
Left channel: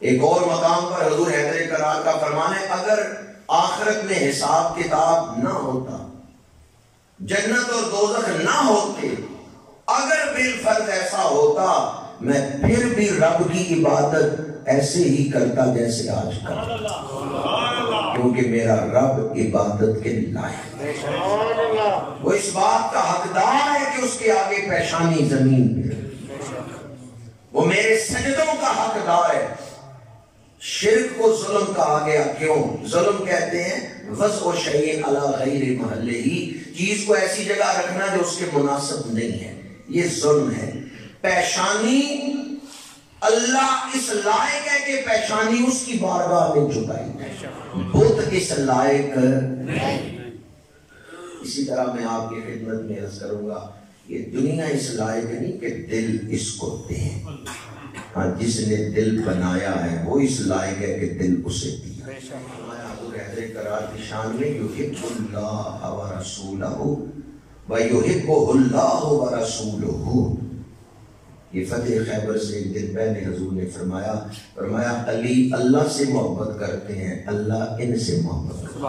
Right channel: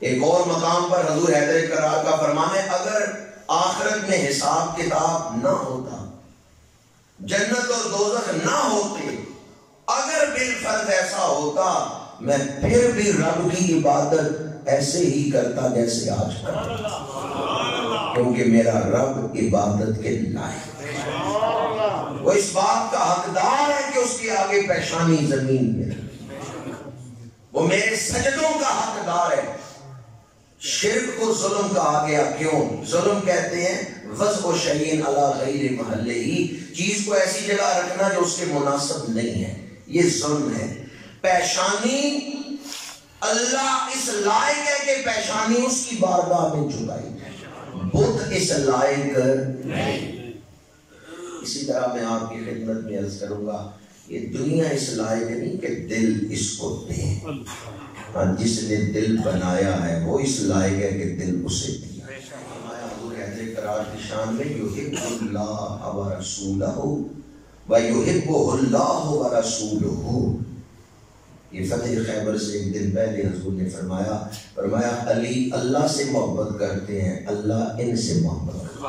ایک اور مقام پر حضور حیدر کرار کا فرمان ہے، اگر آخرت میں حساب کتاب نہ ہوتا، جنت اور دوزخ نہ ہوتے، اگر بالفرض ایسا ہوتا میں پھر بھی رب کی عبادت ایسے ہی کرتا جیسے آج کرتا، کیونکہ میرا رب عبادت کے لائق ہے، وہ اس بات کا حقدار ہے کہ اس کے آگے پیشانی زمین میں، وہ میرے سجدوں کا حقدار ہے۔ شرک کو ظلم کہا گیا، کیوں؟ ظلم کہتے ہیں وضع شیء علی غیر محلہ، چیز کو ایسی جگہ رکھنا جو اس کے مناسب نہیں ہے، یہ ظلم ہے۔ پیشانی اللہ اس لائق ہے کہ پیشانی اس کی بارگاہ میں جھکائی جائے، بت اس لائق نہیں۔ اسی طرح میں آپ کی خدمت میں عرض کروں گا، یہ دنیا اس لائق نہیں کہ دل اس کو دے، جس نے دل بنایا ہے وہ اس لائق ہے کہ دل اسے دیا۔ حضور حیدر کرار کی شان میں یحب اللہ ورسولہ ویحبہ اللہ ورسولہ، یہ فتح خیبر سے ایک دن پہلے حضور نے فرمایا علی اللہ سے محبت کرتے ہیں، اللہ ان سے محبت کرتے ہیں۔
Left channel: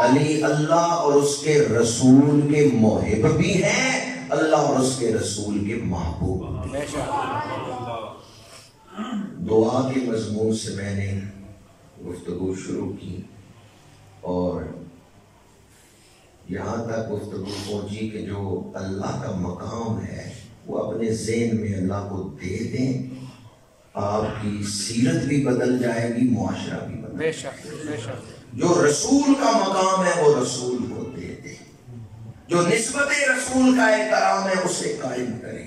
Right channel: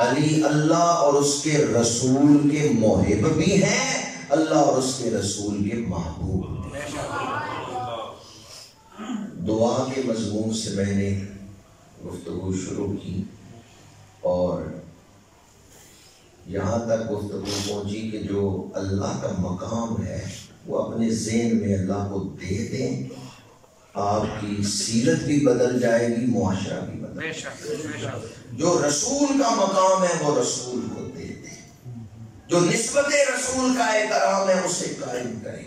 علی اللہ اور اس کے رسول کے محب بھی ہیں، اللہ اور اس کے رسول کے محبوب بھی ہیں۔ دعا کے مضمون سے میں نے گفتگو شروع کی اور یہاں تک گفتگو پہنچی کہ جو اللہ کا مقام ہے وہ اپنے ذہن میں اللہ کو دے دیں، آپ کی سیرت بھی بدل جائے گی، معاشرہ بھی بدل جائے گا۔ جو رسول کا مقام ہے وہ رسول کو دے دیں، جو نسبت رسول کا احترام ہے اسے قائم کریں۔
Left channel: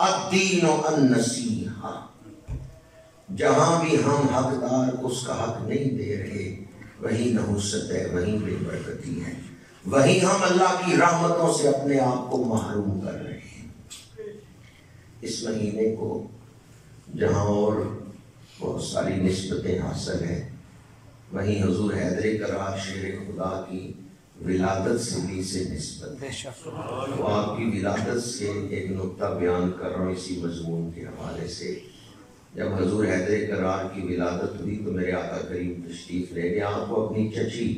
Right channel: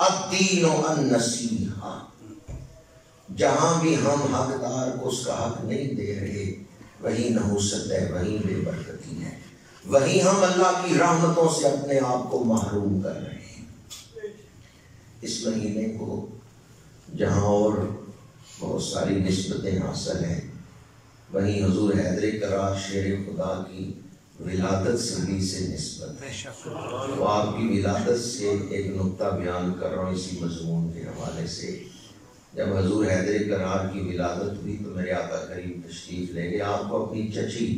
الدین النصیحہ، جہاں بھی ہم حقدار کو اس کا حق نہیں دے رہے وہیں نحوست ہے، وہیں بے برکتی ہے، وہیں ہم اللہ کی رحمتوں سے اپنے آپ کو محروم کر رہے ہیں۔ اس مہینے کو جہاں اور بہت ساری نسبتیں حاصل ہیں، وہیں حضور حیدر کرار شیر خدا کی ولادت سے بھی سے نسبت ہے۔ تو آپ کی ولادت سے ایک نقطہ بیان کر رہا ہوں اسی مضمون کے حوالے سے۔ جب حضور حیدر کرار کی ولادت ہوئی تو میرے آقا کریم تشریف لے گئے، آپ کو اپنی چچی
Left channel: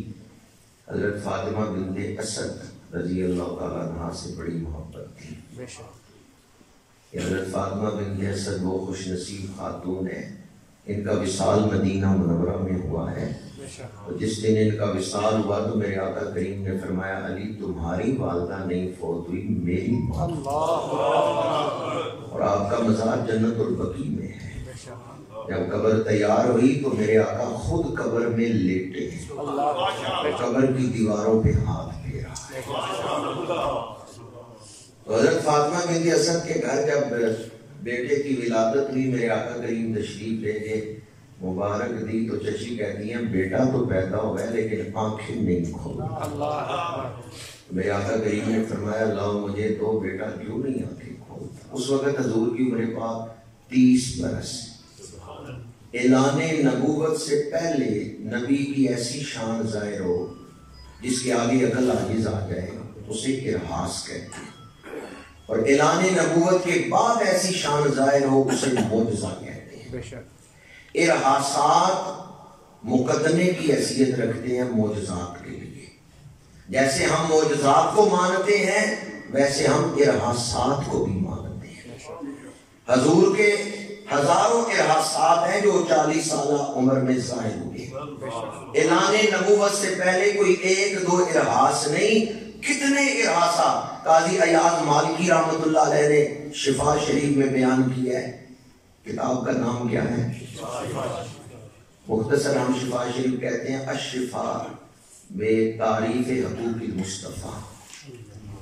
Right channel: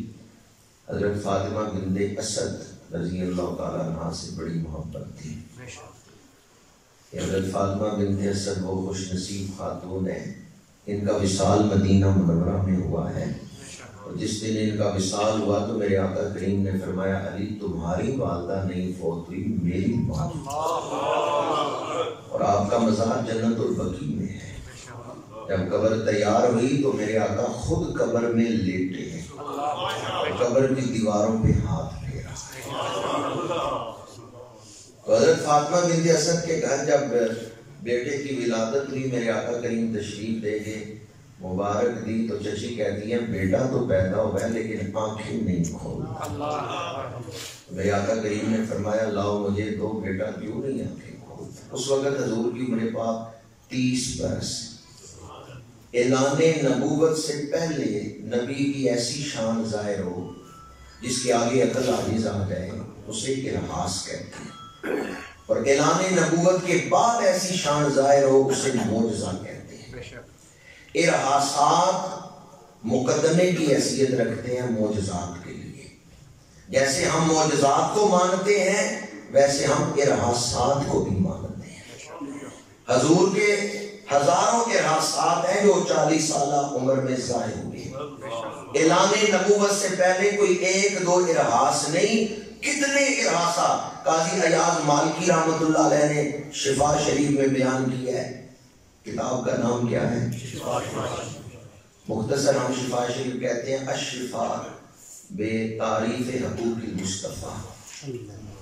حضرت فاطمہ بنت اسد رضی اللہ تعالیٰ عنہ سے بڑی محبت تھی۔ حضرت فاطمہ بنت اسد وہ خوش نصیب خاتون ہیں، ان کا وصال مدینہ منورہ میں ہوا ہے، اور جس دن ان کا وصال ہوا تو میرے آقا کریم نے فرمایا علی تمہاری والدہ نہیں فوت ہوئی، میری موت، اور آپ کا مزار جنت البقیع میں ہے۔ جب قبر تیار ہوئی تو میرے آقا خود قبر میں لیٹے ہیں، قبر کی دیواروں پہ ہاتھ پھیرا۔ حضرت فاطمہ بنت اسد کے گھر جب بیٹے کی ولادت ہوئی، میرے آقا کریم تشریف لے گئے، مبارک دی تو چچی کہتی ہیں بیٹا تو پیدا ہوا ہے لیکن آنکھیں نہیں کھول۔ میرے آقا کریم نے فرمایا لاؤ مجھے دو، بیٹا کیوں نہیں آنکھیں کھول؟ اس وقت حضور کی عمر پاک 30 برس۔ اعلان نبوت سے پہلے نبی کی ایسی شان ظاہر ہو جس کے آگے عقل عاجز آ جائے اسے ارہاس کہتے ہیں، اور اعلان نبوت کے بعد ایسی شان ظاہر ہو اسے معجزہ کہتے ہیں۔ ارہاسات مقدمے کی حیثیت رکھتے ہیں معجزات کے لیے. جیسے ہم معجزات کو مانتے ہیں ویسے ہم ارحاسات کو بھی مانتے ہیں. حضور کے ہزاروں ارحاسات ہیں جو 40 سالہ عمر میں ظاہر ہوئے. اعلان نبوت سے پہلے کوئی ایک دو ارحاس نہیں، کتنے ارحاسات قاضی ایاز مالکی رحمت اللہ علیہ نے شفا شریف میں بیان کیا ہے. کتاب کا نام کیا ہے؟ مختصر ہم شفا شریف کہتے ہیں الشفا بے تعریف حقوق المصطفیٰ.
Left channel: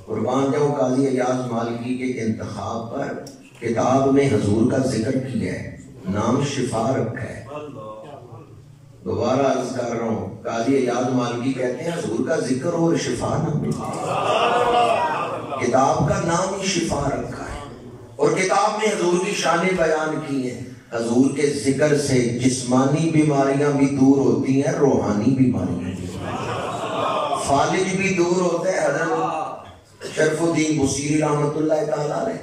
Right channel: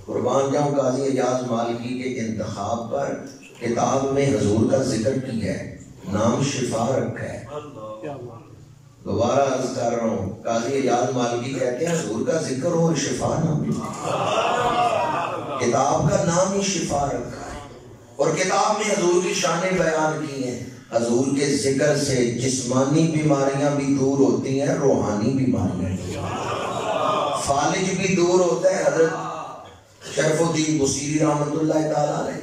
قربان جاؤں قاضی ایاز مالکی کے انتخاب پر کتاب میں حضور کا ذکر کیا ہے، نام شفا رکھا ہے. دوبارہ عرض کر رہا ہوں، قاضی ایاز مالکی کہتے ہیں حضور کا ذکر اور شفا نہ ملے، کتاب کا نام ہی شفا رکھا ہے. اور کتاب میں حضور کی شانیں بیان کی ہیں. حضور کے ذکر سے جسمانی بیماریاں بھی دور ہوتی ہیں، روحانی بیماریاں بھی. فالج بھی دور ہوتا ہے، حضرت شرف الدین بصیری رحمت اللہ تعالیٰ علیہ.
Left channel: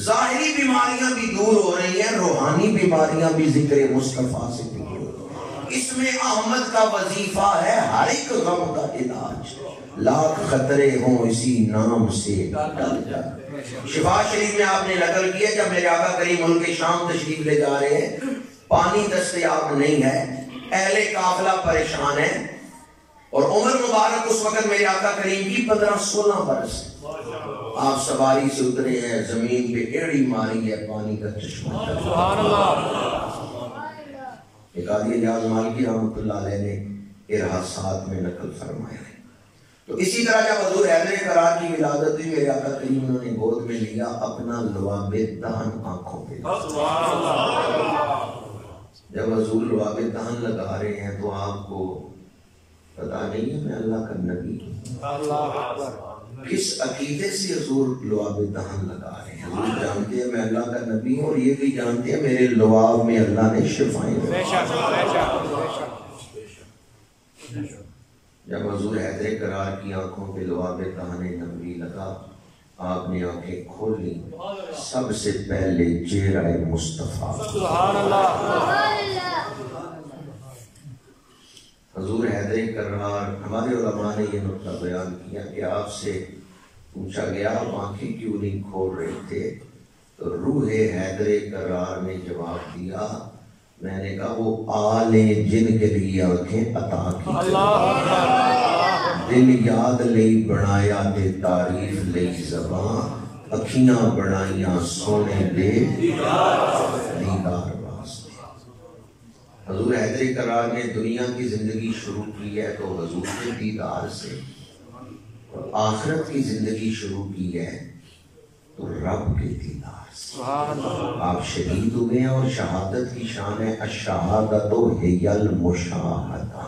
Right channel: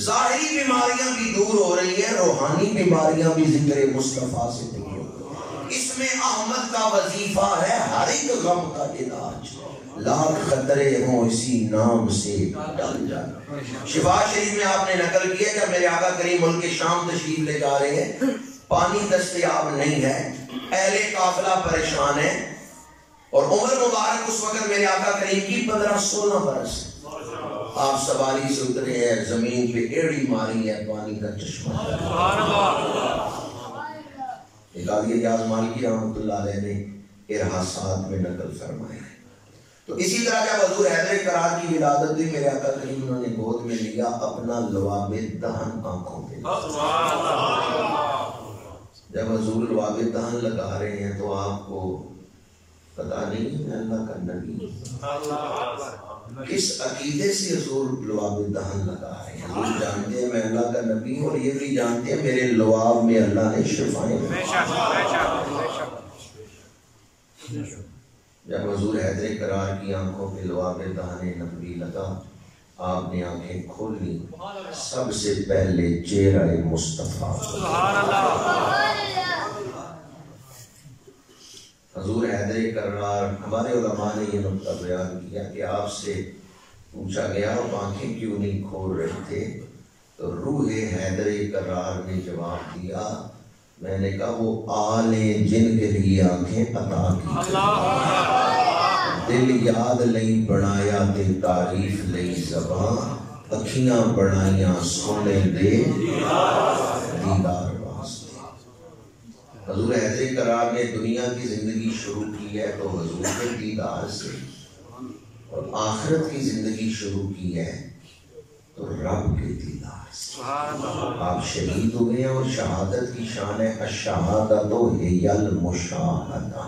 ظاہری بیماریاں بھی دور ہو رہی ہیں، روحانی بیماریاں بھی ذکر مصطفیٰ سے دور ہو رہی ہیں. اس میں احمد کا وظیفہ ہے ہر ایک غم کا علاج، لاکھ خطرے ہوں اسی نام سے ٹل جائے. شفا شریف میں آپ نے نقل کیا جب میرے آقا کریم ملک شام تشریف لے جا رہے ہیں، پانی دستیاب نہیں ہے، اہل قافلہ پریشان ہے، اور عمر مبارک اس وقت میرے آقا کریم کی 15-16 برس. آپ سواری سے اترے ہیں، زمین پہ ایڑی ماری ہے، پانی کا چشمہ. ایک قاضی ایاز مالکی رحمت اللہ علیہ نے ارحاسات میں نقل فرمایا. تو اسی طرح جب حضور حیدر کرار کی ولادت ہوئی، میرے آقا کریم انہوں نے گود میں لیا، اپنا لواب دہن آنکھوں پہ. جب حضور لواب دہن لگا رہے ہیں تو آپ کو پتا نہیں ہے میں اللہ کا نبی ہوں. کس عقیدے سے حضور لواب دہن لگا رہے ہیں؟ حضور جانتے ہیں میں اللہ کا نبی ہوں، اور یہ بھی جانتے ہیں میرے لواب میں اللہ نے شفائیں. جب حضور حیدر کرار کی آنکھوں پہ لواب دہن نبوی لگا، آپ نے آنکھیں کھول لی، سب سے پہلے چہرہ مصطفیٰ. حضور حیدر کرار، ہمارے علماء نے یہ نقطہ بیان کیا کہ آپ سے پوچھا گیا آپ آنکھیں کیوں نہیں کھول رہے تھے، تو روح حیدر کرار نے جواب دیا، میں نے کہا وہ آل جن کے لیے آنکھیں عطا کی، دل یاد لئی بنایا تے تعریف لئی زبان، اکھیاں بنائیاں سونے دے دیدار واسطے. حضور حیدر کرار نے دنیا کی زندگی شروع کی ہے تو حضور کے دیدار سے، اور آخرت کی زندگی شروع کی ہے تو رب کے دیدار سے. آپ شہید ہوئے ہیں اور شہادت کی شان ہے الشہادۃ ہی المشاہدہ.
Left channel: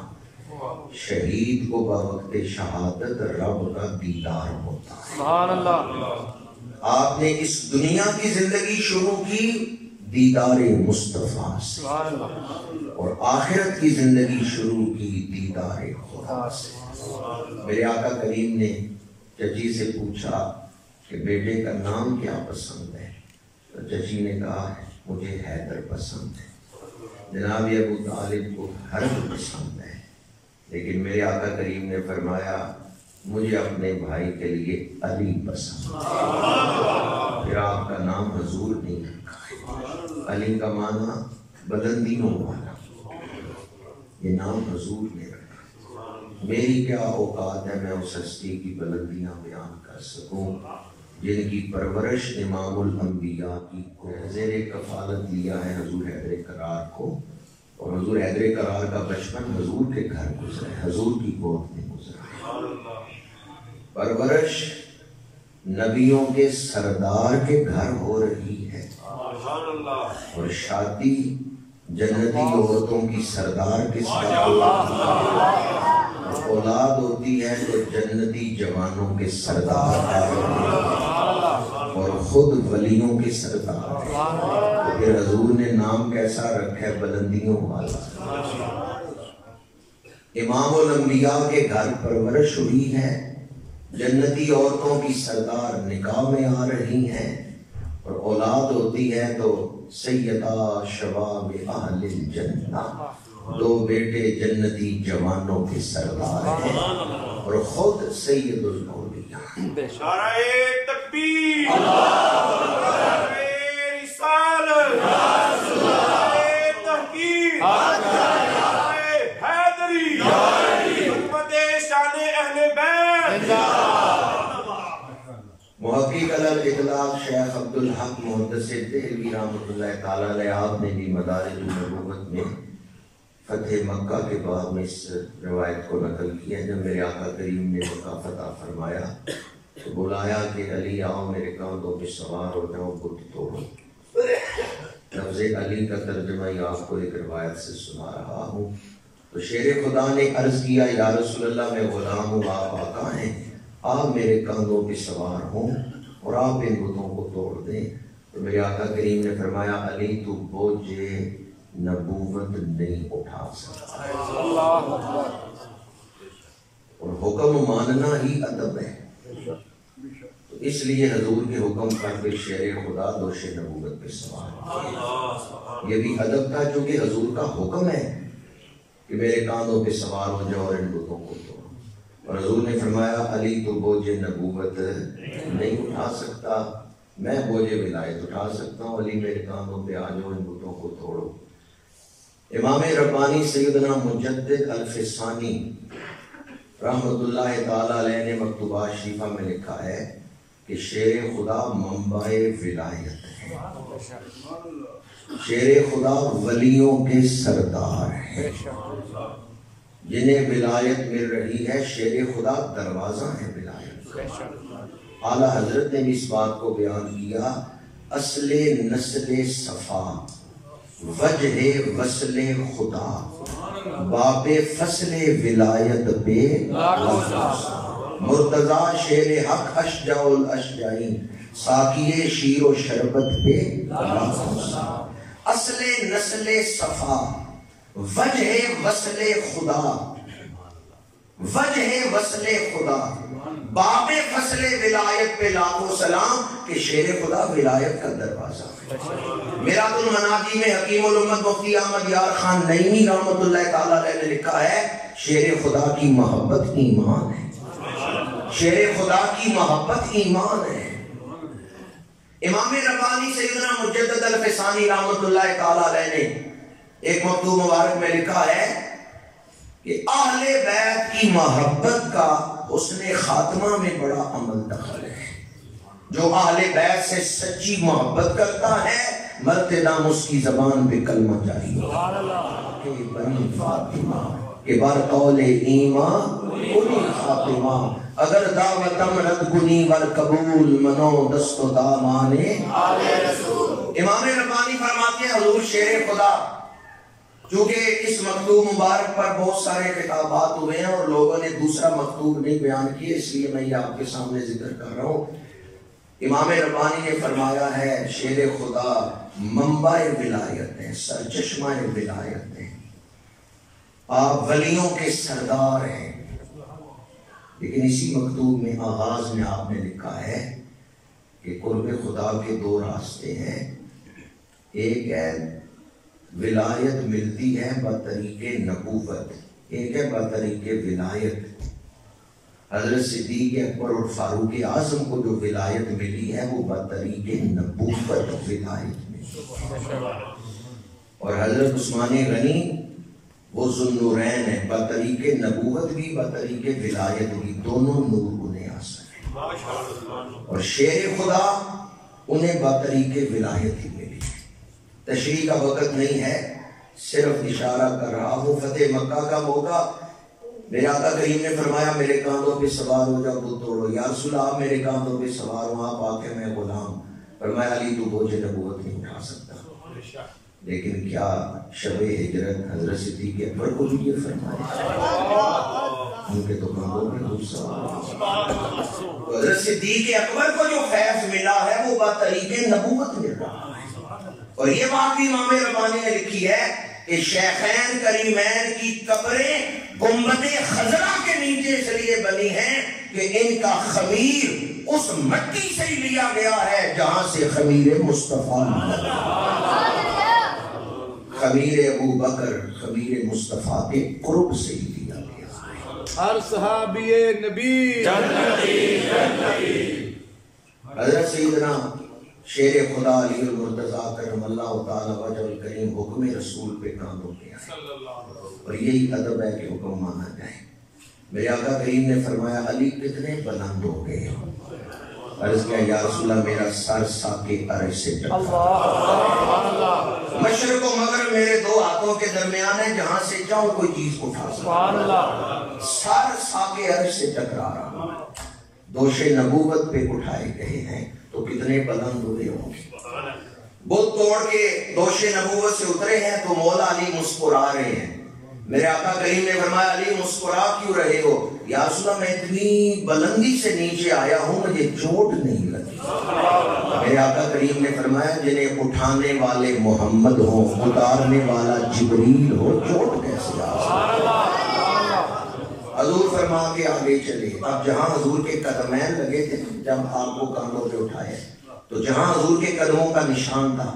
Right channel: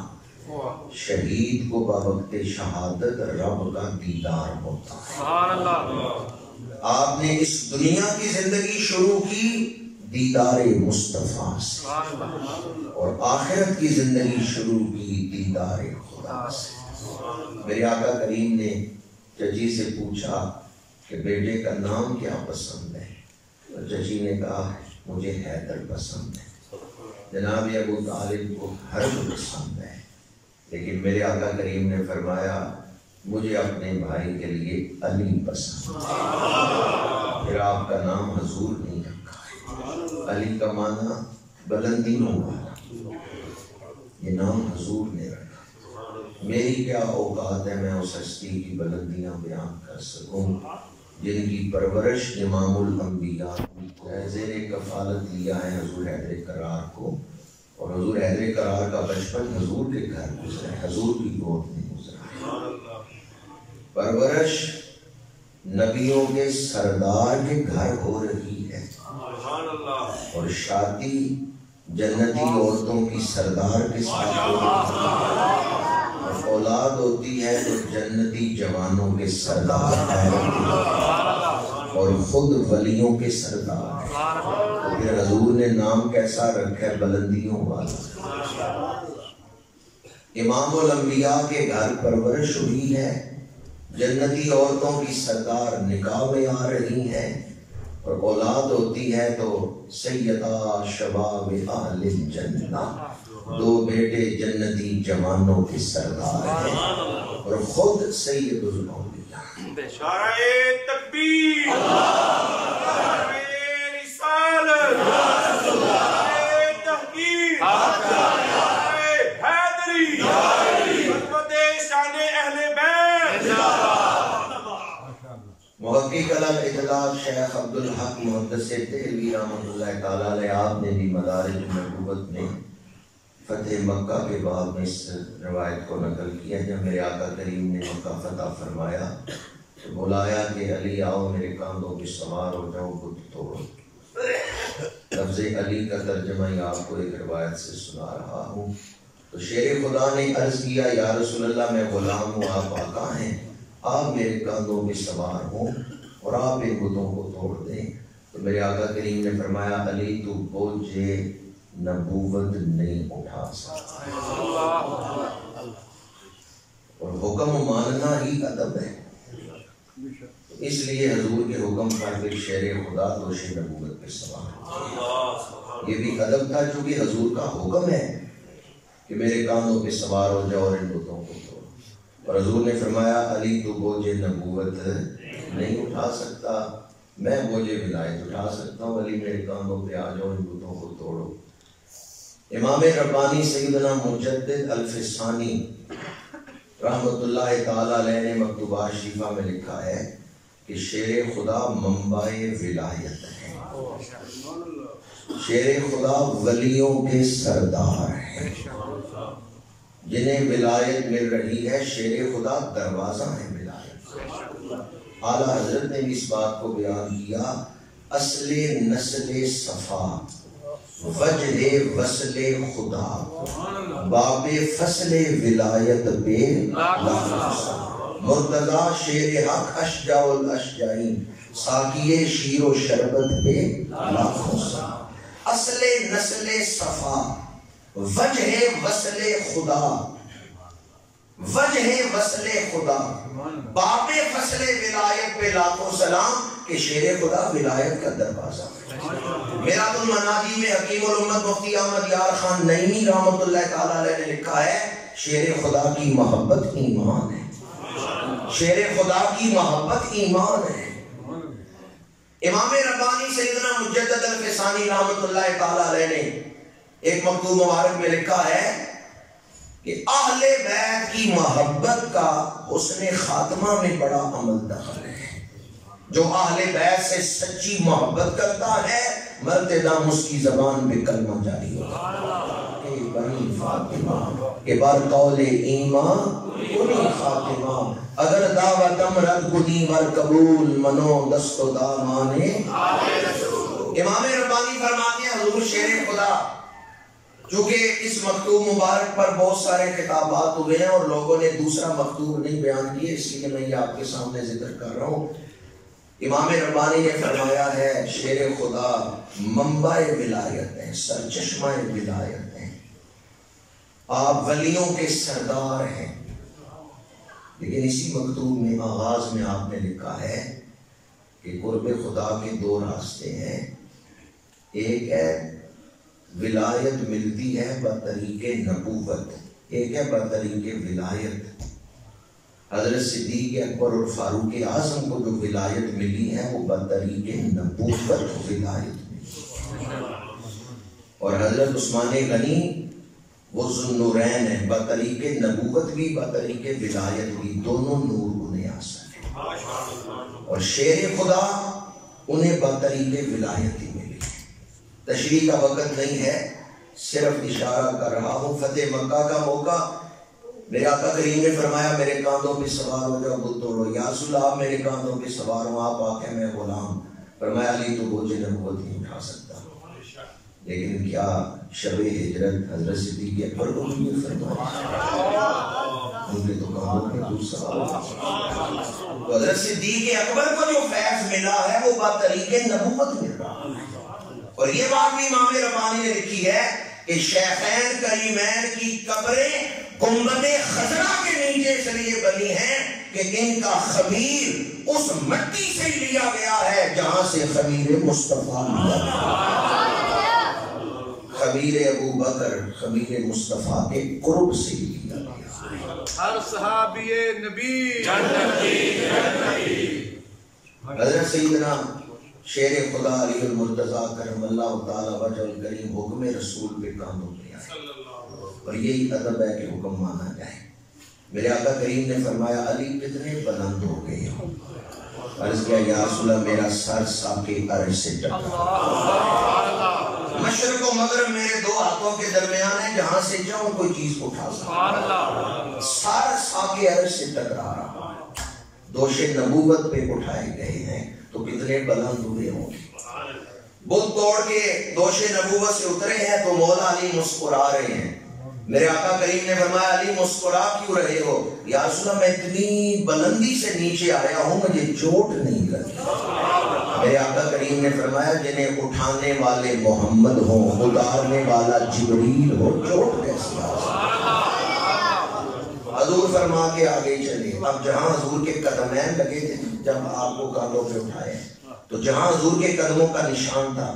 شہید کو بوقت شہادت رب کا دیدار ہوتا ہے. آپ نے اس دنیا کی زندگی شروع کی دیدار مصطفیٰ سے، اور آخرت کی زندگی شروع کی دیدار خدا سے. میرے آقا کریم نے چچی سے پوچھا کہ بیٹے کا نام کیا پسند ہے؟ تو چچی نے کہا مجھے حیدر پسند ہے. جناب ابو طالب کو حرب پسند ہے، لیکن میرے آقا کریم نے فرمایا مجھے اپنے بھائی کے لیے علی پسند ہے. پھر آپ کا نام حضور نہیں رکھا. علی کا معنی بلندیوں والا، یہ نام حضور نے رکھا. میری کیا اوقات ہے میں اس ہستی کی بلندیاں بیان کر سکوں جن کی پرورش امام الانبیاء کی زیر کفالت لیا ہے حضور حیدر کرار کو، اور حضور حیدر کرار کا بچپن حضور کے گھر گزرا ہے، حضور کی گود میں گزرا ہے. پرورش نبیوں کے سردار کے گھر ہو رہی ہے، اور شادی جنتی عورتوں کی سردار کے ساتھ ہو رہی ہے. اولاد ہوتی ہے تو جنتی جوانوں کے سردار ہے، اور خود ولیوں کے سردار ہے. تو پھر حضور نے نام کیسا رکھا ہے؟ بلندیوں والا. امام الانبیاء کے گھر پرورش ہوئی ہے، جنتی عورتوں کی سردار نکاح میں آ رہی ہیں، اور اولاد ہوتی ہے تو سیدہ شباب اہل الجنہ، دو بیٹے جنتی جوانوں کے سردار ہیں اور خود سید الاولیاء۔ نعرہ تکبیر، نعرہ رسالت، نعرہ تحقیق، نعرہ حیدری، خدمت شان اہل بیت۔ محقق الاطلاق شیخ عبدالحق محدث دہلوی رحمۃ اللہ تعالیٰ علیہ، آپ نے بھی مدارج النبوت میں فتح مکہ کے باب میں اس روایت کو نقل کیا، جب میرے آقا کریم نے مکہ فتح فرمایا تو بلایا کہ علی آؤ میرے کاندھوں پہ سوار ہو جاؤ، بت توڑو۔ لفظ علی کا ترجمہ ہی آپ کو ایک روایت سے سنا رہا ہوں۔ تو شیر خدا نے عرض کیا یا رسول اللہ میں غلام ہوں، آپ آقا ہیں، آپ میرے کاندھوں پہ سوار ہوں اور آپ ان بتوں کو توڑ دیں۔ تو میرے آقا کریم نے فرمایا علی تو بوجھ نبوت نہیں اٹھا سکتا، اور حکم ماننا ہی ادب ہے، اس لیے حضور کے حکم پر پھر شیر خدا دوش نبوت پہ سوار، یہ بھی ادب تھا چونکہ حضور کا حکم ہے کہ میرے کاندھوں پہ سوار ہو جاؤ اور ان بتوں کو توڑو۔ اور حضور نے فرمایا علی تو بوجھ نبوت نہیں اٹھا سکتا، میں بوجھ ولایت اٹھا سکتا ہوں، علی میرے کاندھوں پہ آ جاؤ، ان بتوں کو توڑو۔ امام ربانی سیدنا مجدد الفسانی رحمت اللہ تعالیٰ علیہ نے مکتوبات شریفہ میں لکھا ہے کہ شیر خدا منبع ولایت ہے، شیر خدا ولیوں کے سردار ہیں، جنہیں ولایت مل رہی ہے، شیر خدا دروازہ ہے ولایت۔ اعلیٰ حضرت نے بھی اس بات کو بیان کیا، اصل نسل صفا، وجہ وصل خدا، باب فصل ولایت بے مرتضی شیر حق اشجع الاشجعین، ساقی شیر و شربت بے اصل نسل صفا، وجہ وصل خدا، وجہ وصل خدا، باب فصل ولایت پہ لاکھوں سلام کہ شیر خدا ولایت کا دروازہ۔ میراد المناجی میں حکیم الامت مفتی احمد یار خان نعیمی رحمت اللہ تعالیٰ علیہ نے لکھا ہے شیر خدا کی محبت ایمان ہے، شیر خدا کی محبت ایمان ہے۔ امام ربانی سیدنا مجدد الفسانی رحمت اللہ تعالیٰ علیہ نے ایک مکتوب مبارک میں لکھا ہے کہ اہل بیت کی محبت کا حسن خاتمہ میں بڑا عمل دخل ہے، جو اہل بیت سے سچی محبت کرتا ہے مرتے دم اس کی زبان پہ کلمہ جاری ہو کہ بنی فاطمہ کہ بر قول ایمان کنی فاطمہ، اگر دعوتم رد کنی ور قبول منو دست و دامانے امام ربانی فرماتے ہیں حضور شیر خدا، چونکہ اس مکتوب مبارک پر بہت سارے خطابات ہوئے ہیں اور لوگوں نے دوسرا مکتوب نہیں بیان کیے، اس لیے میں یہ آپ کے سامنے ذکر کر رہا ہوں۔ امام ربانی نے فرمایا ہے شیر خدا منبع ولایت ہے، سرچشمہ ولایت ہے، آپ ولیوں کے سردار ہیں۔ لیکن اسی مکتوب میں آغاز میں آپ نے لکھا ہے کہ قرب خدا کے دو راستے ہیں، ایک ہے ولایت ملتی ہے بطریق نبوت، ایک ہے بطریق ولایت۔ حضرت صدیق اکبر اور فاروق اعظم کو جو ولایت ملی ہے وہ بطریق نبوت ولایت ملی، اور حضرت عثمان غنی وہ ذوالنورین ہے، بطریق نبوت بھی بطریق ولایت بھی، دونوں نور انہیں حاصل ہیں، اور شیر خدا انہیں بطریق ولایت ہی ملی۔ تشریح کا وقت نہیں ہے، صرف اشارہ کر رہا ہوں۔ فتح مکہ کا موقع، میرے آقا کریم نے فرمایا میرے کاندھوں پہ سوار ہو جاؤ بت توڑو۔ یا رسول اللہ آپ میرے کاندھوں پہ سوار ہوں، آپ آکے میں غلام۔ فرمایا علی تو بوجھ نبوت نہیں اٹھا سکتا، لیکن کیا شب ہجرت حضرت صدیق اکبر کو بھی یہ فرمایا؟ ان کے تو کاندھوں پہ خود سوار ہو۔ تو حضرت صدیق اکبر کو جو فیض ملا ہے وہ بطریق نبوت مل رہا ہے، اور یہ بات بھی امام ربانی نے لکھی ہے کہ شیخین کریمین کی قبریں گنبد خضرا کے نیچے اس لیے بنی ہیں کہ ان کا خمیر اس مٹی سے ہی لیا گیا ہے جہاں سے خمیر مصطفیٰ ملا۔ خمیر ابو بکر خمیر مصطفیٰ کے قرب سے ہی لیا گیا. ہر صحابی نبی حضرت سیدنا شیر خدا علی المرتضیٰ کرم اللہ تعالی وجہ الکریم حکم رسول پہ کام ہو گیا اور یہی ادب ہے کہ حکم مانا جائے. میرے آقا کریم نے فرمایا علی کتنے بلند ہو گئے ہو. عرض کیا یا رسول اللہ میرا سر ساکے عرش سے ٹکرا. مشرق و مغرب میرے دو ہاتھوں کے درمیان ہے, جہاں سے جاؤں کوئی چیز کو اٹھا سکتا. سر ساکے عرش سے ٹکرا رہا. دوش نبوت پہ اٹھائے گئے ہیں تو کتنے بلند ہوئے ہوں گے. بت توڑ کے دوش نبوت سے اترے ہیں تو مولا علی مسکرا رہے ہیں. میرے آقا کریم نے فرمایا علی مسکرا کیوں رہے ہو؟ یا رسول اللہ میں اتنی بلندی سے نیچے آیا ہوں مجھے چوٹ نہیں لگی. میرے آقا کریم نے فرمایا جنہیں اٹھانے والے محمد ہوں اتارنے والا جبریل ہو, چوٹ کیسے آ سکتی؟ حضور فرما کے آگے چلے. اب جہاں حضور کے قدمین لگے تھے جب آپ کو کانڈوں پہ اٹھائے تو جہاں حضور کے قدموں کا نشان تھا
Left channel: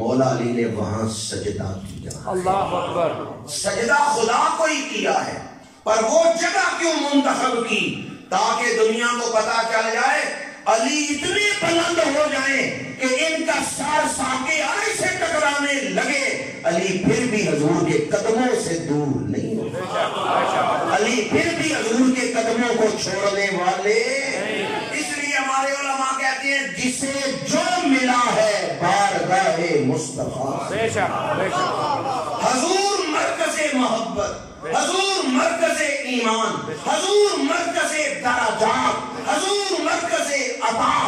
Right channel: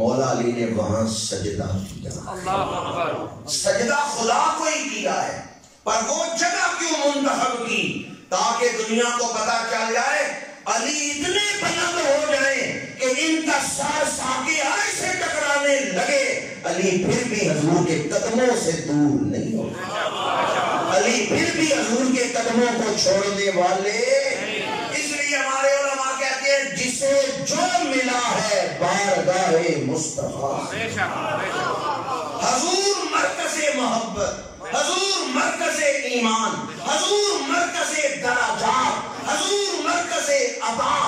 مولا علی نے وہاں سجدہ کیا. اللہ اکبر. سجدہ خدا کو ہی کیا ہے, پر وہ جگہ کیوں منتخب کی؟ تاکہ دنیا کو پتا چل جائے علی اتنے بلند ہو جائیں کہ ان کا سر ساکے عرش سے ٹکرانے لگے, علی پھر بھی حضور کے قدموں سے دور نہیں ہو. علی پھر بھی حضور کے قدموں کو چھوڑنے والے. اس لیے ہمارے علماء کہتے ہیں جسے جو ملا ہے بارگاہ مصطفیٰ, حضور مرکز محبت, حضور مرکز ایمان, حضور مرکز درجات, حضور مرکز عطا,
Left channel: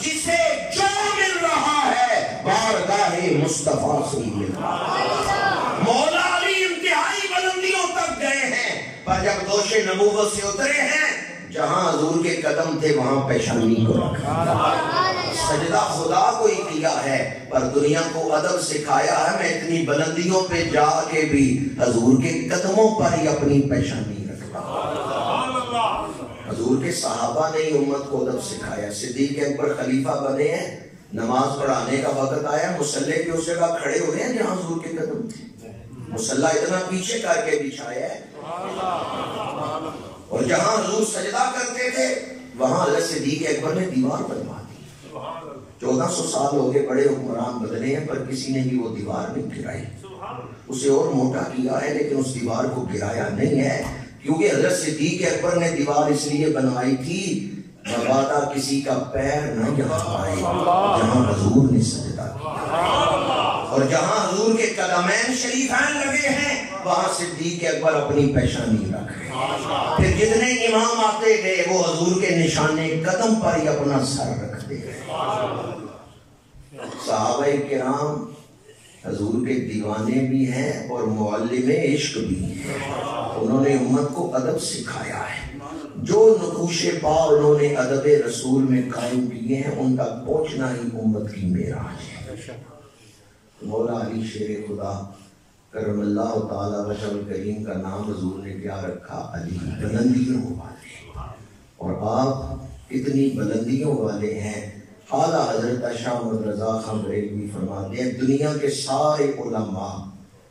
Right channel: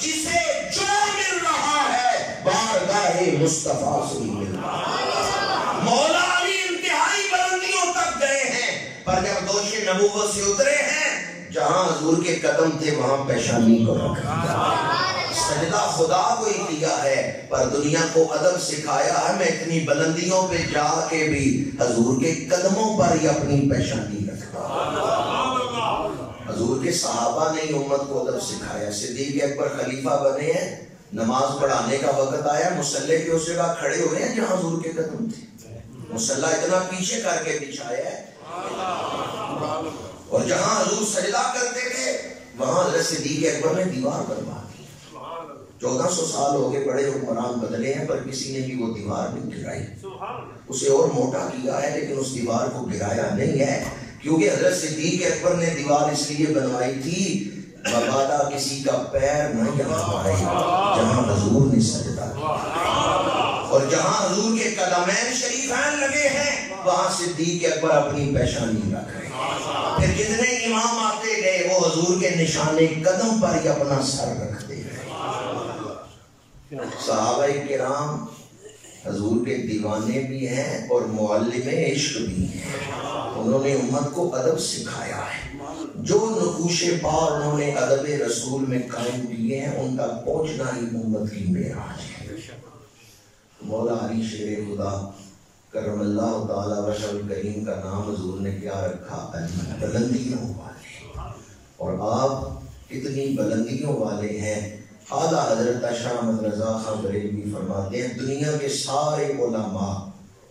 جسے جو مل رہا ہے بارگاہ مصطفیٰ سے مل رہا ہے. مولا علی انتہائی بلندیوں تک گئے ہیں, پر جب دوش نبوت سے اترے ہیں جہاں حضور کے قدم تھے وہاں پیشانی کو رکھا. سجدہ خدا کو ہی کیا ہے, پر دنیا کو ادب سکھایا ہے. میں اتنی بلندیوں پہ جا کے بھی حضور کے قدموں پر ہی اپنی پیشانی رکھتا. حضور کے صحابہ نے ہی امت کو ادب سکھایا. صدیق اکبر خلیفہ بنے ہیں, نماز پڑھانے کا وقت آیا, مصلی کی اس جگہ کھڑے ہوئے ہیں جہاں حضور کے قدم تھے. مصلی اتنا پیچھے کر کے بچھایا ہے, اور جہاں حضور سجدہ کرتے تھے وہاں حضرت صدیق اکبر نے دیوار بنوا دی. 1400 سال ہو گئے, بڑے حکمران بدلے ہیں, پر کسی نے بھی وہ دیوار نہیں گرائی. اسے اور موٹا کیا ہے لیکن اس دیوار کو گرایا نہیں ہے, کیونکہ حضرت صدیق اکبر نے دیوار اس لیے بنوائی تھی مبادا کسی کا پیر نہ جہاں پائے جہاں حضور نے سجدہ کیا. اور جہاں حضور کے قدمین شریفین لگے ہیں وہاں صدیق اکبر اپنی پیشانی رکھ رہے ہیں. پھر جتنے امام آتے گئے وہ حضور کے نشانے قدم پر ہی اپنا سر رکھتے گئے. صحابہ کرام حضور کے دیوانے بھی ہیں اور معلم عشق بھی ہیں. انہوں نے امت کو ادب سکھایا ہے. جو نقوش پا انہوں نے ادب رسول میں قائم کیے ہیں ان تک پہنچنا ہی امت کی معراج ہے. مولا علی شیر خدا کرم اللہ تعالی وجہ الکریم کا نام حضور نے کیا رکھا؟ علی, بلندیوں والے. اور آپ کتنی بلندیوں والے ہیں. اعلیٰ حضرت شاہ احمد رضا خان بریلوی فرماتے ہیں دنیا کے سارے علماء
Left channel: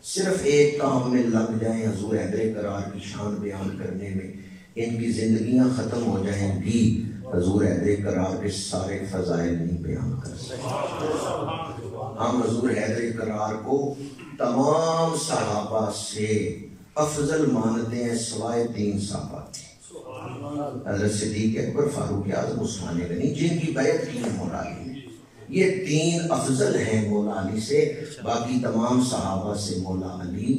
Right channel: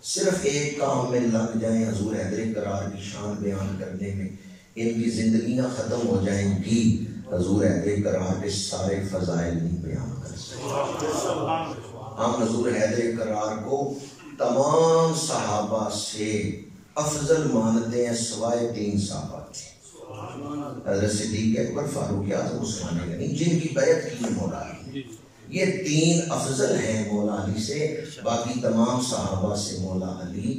صرف ایک کام میں لگ جائیں حضور حیدر کرار کی شان بیان کرنے میں, ان کی زندگیاں ختم ہو جائیں گی, حضور حیدر کرار کے سارے فضائل نہیں بیان کر سکتے. ہم حضور حیدر کرار کو تمام صحابہ سے افضل مانتے ہیں سوائے 3 صحابہ کے. حضرت صدیق اکبر, فاروق اعظم, عثمان غنی, جن کی بیعت کی مولا علی, یہ 3 افضل ہیں مولا علی سے, باقی تمام صحابہ سے مولا علی.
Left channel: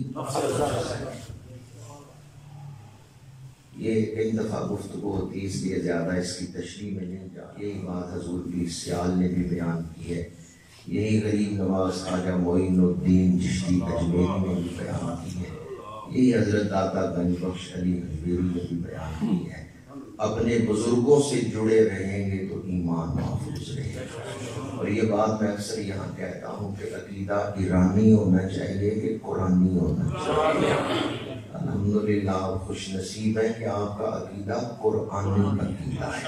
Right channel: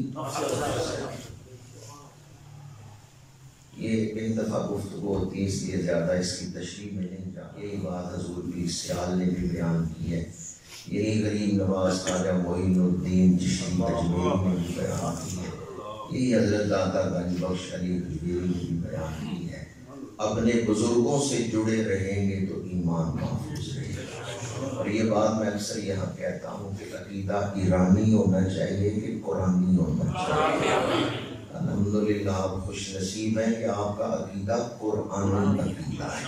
یہ ایک دفعہ گفتگو ہوتی ہے اس لیے زیادہ اس کی تشریح میں نہیں جاتا. یہی بات حضور کی سیال نے بھی بیان کی ہے, یہی غریب نواز خواجہ معین الدین چشتی اجمیری نے بھی بیان کی ہے, یہی حضرت داتا گنج بخش علی غزیری نے بھی بیان کی ہے. اپنے بزرگوں سے جڑے رہیں گے تو ایمان محفوظ رہے گا. اور یہ بات میں اکثر یہاں کہتا ہوں کہ عقیدہ ایرانی ہونا چاہیے کہ قرآنی ہونا چاہیے. الحمدللہ آپ خوش نصیب ہیں کہ آپ کا عقیدہ قرآنی عقیدہ ہے.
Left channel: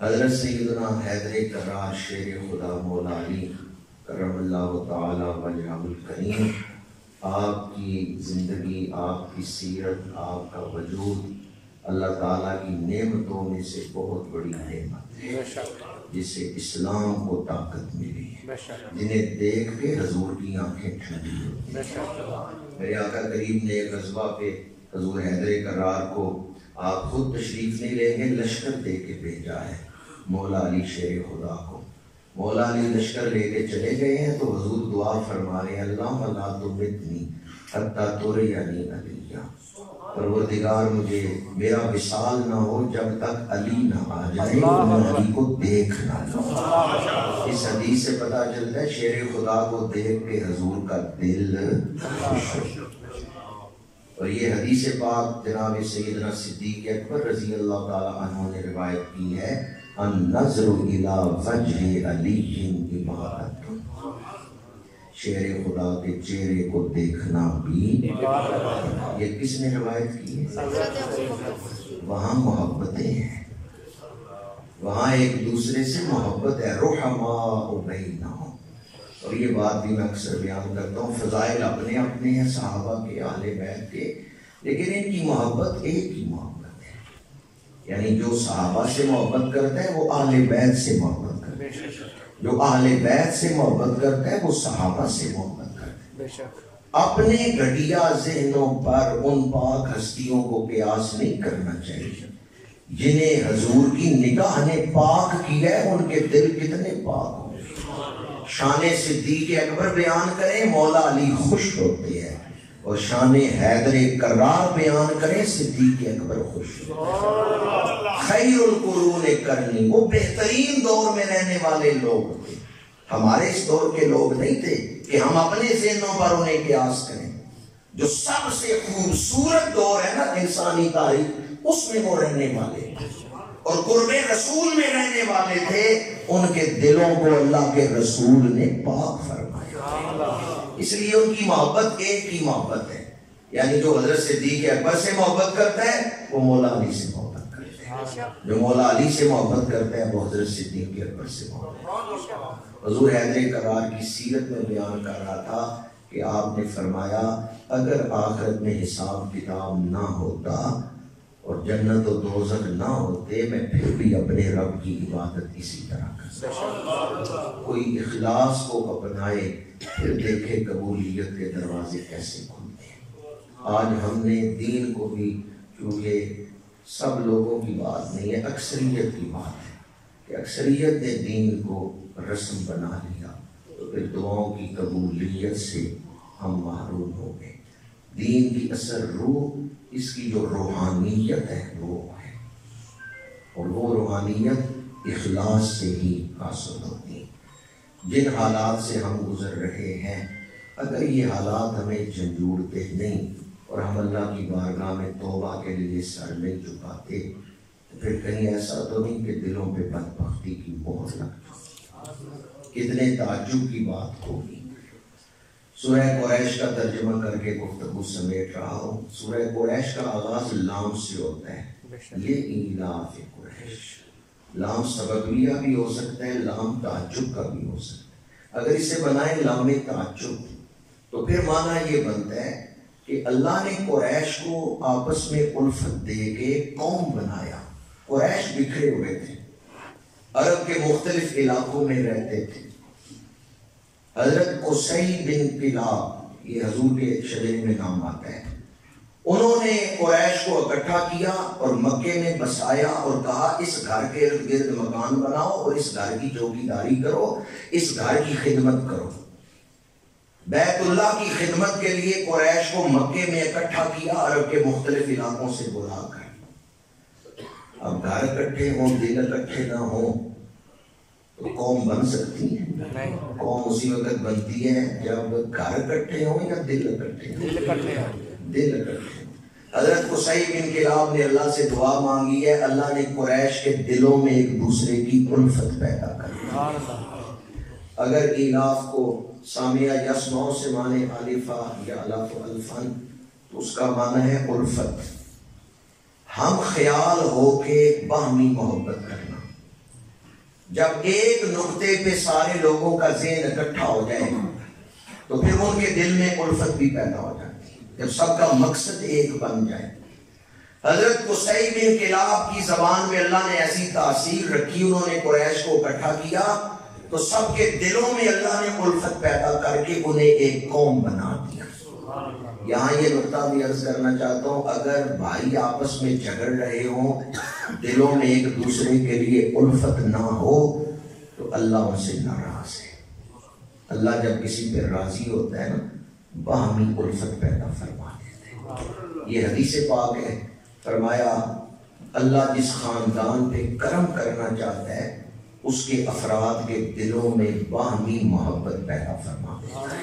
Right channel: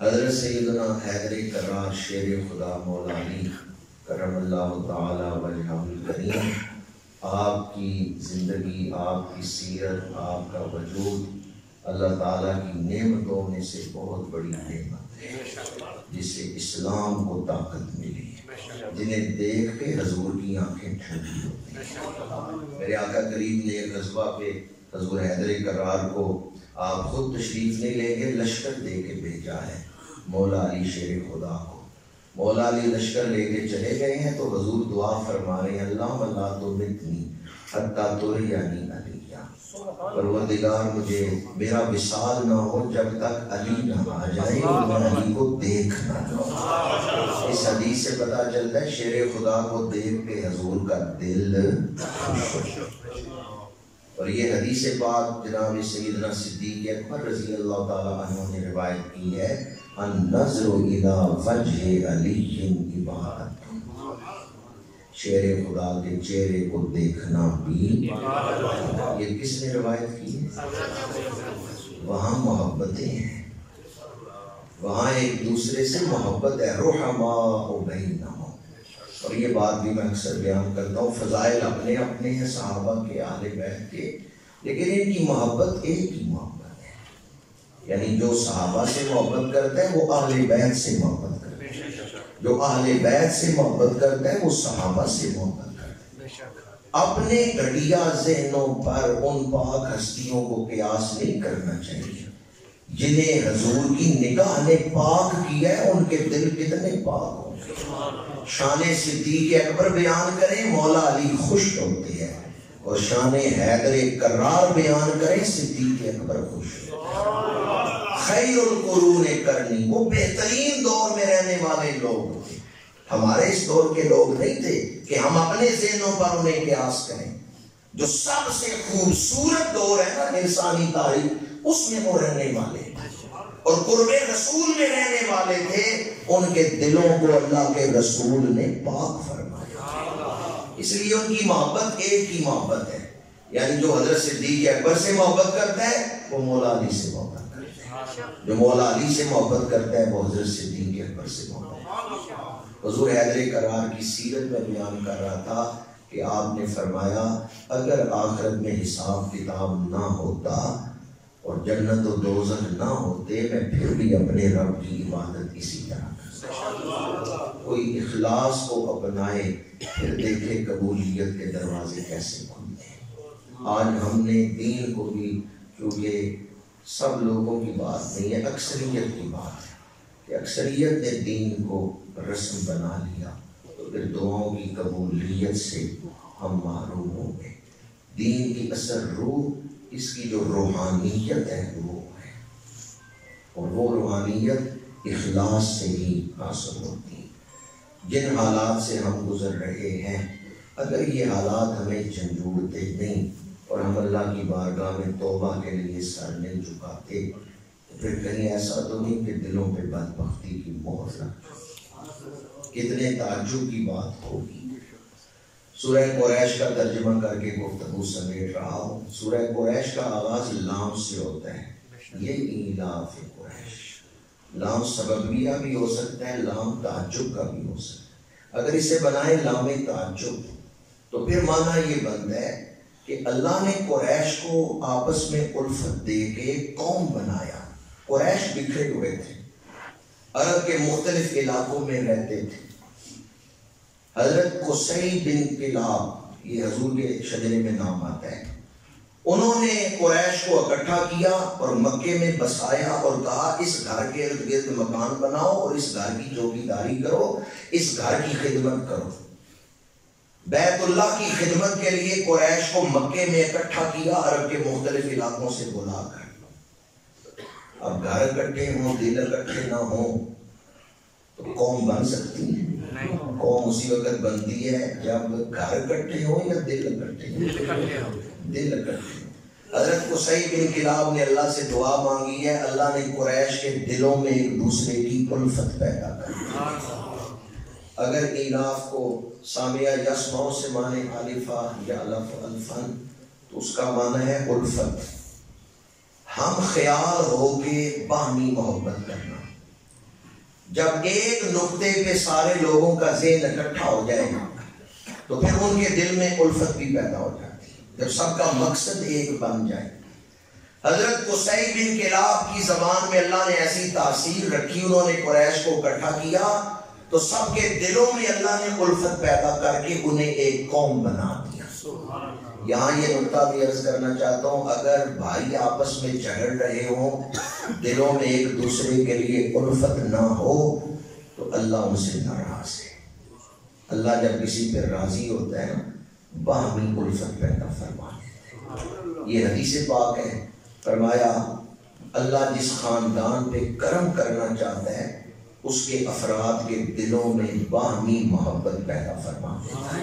حضرت سیدنا حیدر کرار شیر خدا مولا علی کرم اللہ تعالی وجہہ الکریم، آپ کی زندگی، آپ کی سیرت، آپ کا وجود اللہ تعالیٰ کی نعمتوں میں سے بہت بڑی نعمت ہے، جس سے اسلام کو طاقت ملی ہے، جنہیں دیکھ کے حضور کی آنکھیں ٹھنڈی ہوتی ہیں۔ میرے آقا کریم نے ایک غزوہ پہ حضور حیدر کرار کو آپ خود تشریف نہیں لیں گے، لشکر دے کے بھیجا ہے مولا علی شیر خدا کو۔ مولا علی لشکر لے کے چلے گئے ہیں تو حضور دعا فرما رہے ہیں، اللہم لا تمتنی حتی ترینی علیہ، پروردگار مجھے میرا وصال نہ ہو جب تک علی نہ آ جائے اور میں علی کو دیکھ نہ لوں۔ اس حدیث سے پتہ چلتا ہے شیر خدا کو دیکھ کے حضور کا دل خوش ہو۔ اور یہ حدیث پاک جناب سیدنا صدیق اکبر رضی اللہ تعالیٰ عنہ نے روایت کی ہے، النظر الی وجہ علی عبادت، شیر خدا کے چہرے کو دیکھنا بھی۔ یہ کس نے روایت کی ہے؟ وہاں محبتیں ہیں، وہاں ایک دوسرے سے محبت ہے، رحماء بینہم۔ اور یہ بات بھی میں اکثر بیان کرتا ہوں، فضائل اپنے اپنے ہیں صحابہ کے، اہل بیت کے، لیکن ان کی محبت ایک ہی محبت ہے، یعنی جو صحابہ سے محبت کرتا ہے وہ اہل بیت سے محبت کرتا ہے، جو اہل بیت سے محبت کرتا ہے وہ صحابہ سے محبت کرتا ہے۔ اپنے گھٹیا ذہنوں پر ان پاک ہستیوں کو قیاس نہیں کرنا چاہیے جنہیں حضور کی نگاہ نے پاک کیا ہے، ان کے دل کتنے پاک ہوں گے۔ شان صدیق اکبر بیان کریں مولا علی خوش ہوتے ہیں، اور شان حیدر کرار بیان کریں صدیق اکبر خوش ہوتے۔ خیر القرون کرنی، وہ بہترین دور میں رہنے والے لوگ تھے، ہمارے اس دور کے لوگ نہیں تھے کہ ہم اپنے ذہنوں پر انہیں قیاس کریں۔ جو سب سے خوبصورت دور ہے نا انسانی تاریخ، اس میں وہ رہنے والے اور قرب رسول میں رہنے والے تھے، ان کے دلوں کو اللہ کے رسول نے پاک فرمایا، اس لیے ان کی محبت ایک ہی محبت ہے، یعنی جو حضرت صدیق اکبر سے محبت کرتا ہے وہ مولا علی سے محبت کرتا ہے، جو مولا علی سے محبت کرتا ہے وہ حضرت صدیق اکبر سے محبت کرتا ہے۔ حضور حیدر کرار کی سیرت میں بیان کر رہا تھا کہ آپ نے فرمایا اگر آخرت میں حساب کتاب نہ ہوتا اور جنت و دوزخ نہ ہوتے، میں پھر بھی اپنے رب کی عبادت اسی طرح کرتا۔ کوئی اخلاص کو اپنائے پھر دیکھے قبولیت کے دروازے کیسے کھلتے ہیں۔ آج ہم نے دین کو بھی، کیونکہ سب لوگوں کی بات نہیں ہے، اکثریت کی بات ہے کہ اکثریت نے دین کو رسم بنا لیا، تو پھر دعاؤں کی قبولیت سے ہم محروم ہو گئے۔ دین کی اصل روح، اس کی جو روحانیت ہے وہ ہے، اور وہ روحانیت اخلاص سے ہی حاصل ہوتی ہے۔ جن حالات سے ہم گزر رہے ہیں، اگر یہ حالات ہمیں جھنجھوڑتے نہیں اور ہم اللہ کی بارگاہ میں توبہ کے لیے سر نہیں جھکاتے، تو پھر کہیں ایسا تو نہیں کہ دلوں پہ بدبختی کی مہر لگ جائے۔ کتنے تعجب کی بات ہوگی۔ سورہ قریش کا ترجمہ کر کے گفتگو سمیٹ رہا ہوں۔ سورہ قریش کا آغاز لام سے ہوتا ہے، یہ ایلاف قریش۔ لام سببیہ بھی ہو سکتا ہے، لام تعجب کا بھی ہو سکتا ہے۔ اگر اسے بنائے لام تعجب تو پھر معنی یہ بنتا ہے کہ اللہ نے قریش کو آپس میں الفت دے کے قوم بنایا۔ قریش بکھرے ہوئے تھے، عرب کے مختلف علاقوں میں رہتے تھے۔ حضرت قصی بن کلاب، یہ حضور کے شجرے میں نام آتا ہے، انہوں نے قریش کو اکٹھا کیا اور مکے میں بسایا اور کہا اس گھر کے ارد گرد مکان بناؤ اور اس گھر کی چوکیداری کرو، اس گھر کی خدمت کرو۔ بیت اللہ کی خدمت کے لیے قریش کو مکے میں اکٹھا کیا، عرب کے مختلف علاقوں سے بلا کر۔ اب گھر اکٹھے ہوں، دل اکٹھے نہ ہوں تو قوم بن سکتی ہے؟ قوم اسی وقت بنتی ہے جب گھر اکٹھے ہوں یا دل اکٹھے ہوں؟ دل اکٹھے ہوں۔ حضرت قصی بن کلاب نے اللہ سے دعا مانگی ہے، اللہ نے قریش کے دلوں میں ایک دوسرے کی الفت پیدا کر دی۔ اگر ایلاف کو سامعہ یسمعو سے معنی الفا یا الف الفن، تو اس کا معنی ہے الفت، ہم خیال ہو کے باہمی محبت کرنا۔ جب ایک نقطے پہ سارے لوگوں کا ذہن اکٹھا ہو جائے تو پھر ان کے دل میں الفت بھی پیدا ہو جاتی ہے، جب سب کا مقصد ایک بن جائے۔ حضرت قصی بن کلاب کی زبان میں اللہ نے ایسی تاثیر رکھی، انہوں نے قریش کو اکٹھا کیا تو سب کے دلوں میں اللہ نے الفت پیدا کر کے انہیں ایک قوم بنا دیا۔ یہاں یہ نقطہ بھی عرض کرنا چاہتا ہوں، اگر بھائی آپس میں جھگڑ رہے ہوں، دلوں میں ایک دوسرے کے لیے الفت نہ ہو تو اللہ ان سے ناراض ہے۔ اللہ جب کسی پہ راضی ہوتا ہے نا، باہمی الفت پیدا فرما دیتا ہے۔ یہ حدیث پاک ہے، فرمایا اللہ جس خاندان پہ کرم کرنا چاہتا ہے اس کے افراد کے دلوں میں باہمی محبت پیدا فرما دیتا ہے۔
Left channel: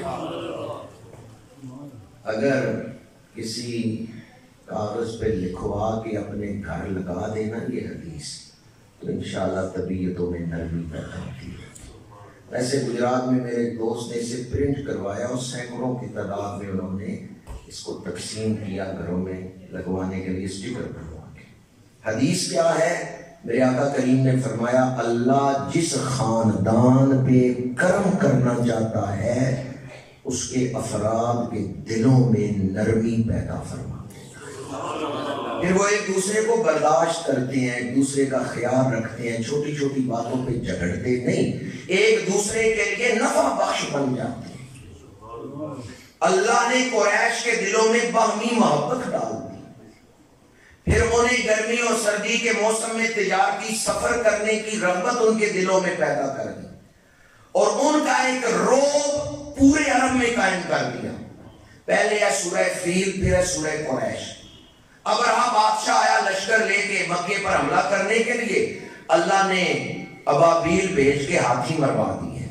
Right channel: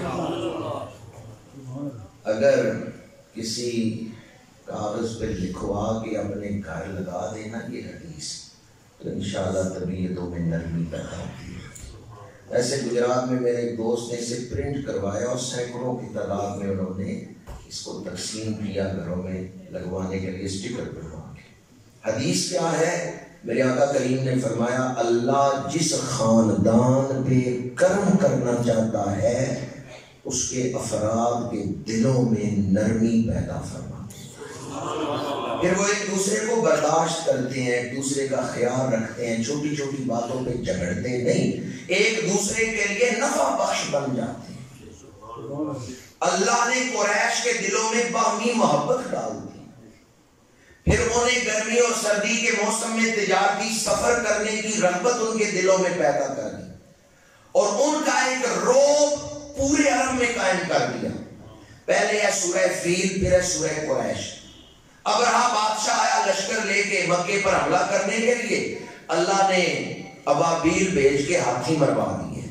اگر کسی کاغذ پہ لکھوا کے اپنے گھر لگا دینا یہ حدیث، تو انشاءاللہ طبیعتوں میں نرمی پیدا ہوتی ہے۔ ایسے گجرات میں میرے ایک دوست نے اسے پرنٹ کروایا اور سینکڑوں کی تعداد میں انہوں نے اس کو تقسیم کیا گھروں میں لگوانے کے لیے اسٹیکر بنوا کے۔ حدیث کیا ہے؟ میرے آقا کریم نے فرمایا اللہ جس خاندان پہ کرم کرنا چاہتا ہے اس کے افراد کے دلوں میں نرمی پیدا فرما دیتا ہے۔ پھر وہ ایک دوسرے کو برداشت کرتے ہیں، ایک دوسرے کا خیال رکھتے ہیں، چھوٹی چھوٹی باتوں پہ جھگڑتے نہیں، ایک دوسرے کے لیے نفع بخش بن جاتے ہیں۔ اللہ نے قریش کے دلوں میں باہمی محبت ڈال دی، پھر انہیں گرمی اور سردی کے موسم میں تجارتی سفر کرنے کی رغبت ان کے دلوں میں پیدا کر دی اور ان کا ایک رعب پورے عرب میں قائم کر دیا۔ پہلے ہے سورہ فیل، پھر ہے سورہ قریش۔ ابرہہ بادشاہ آیا لشکر لے کے مکے پر حملہ کرنے کے لیے، اللہ نے ابابیل بھیج کے ہاتھی مروا دیے۔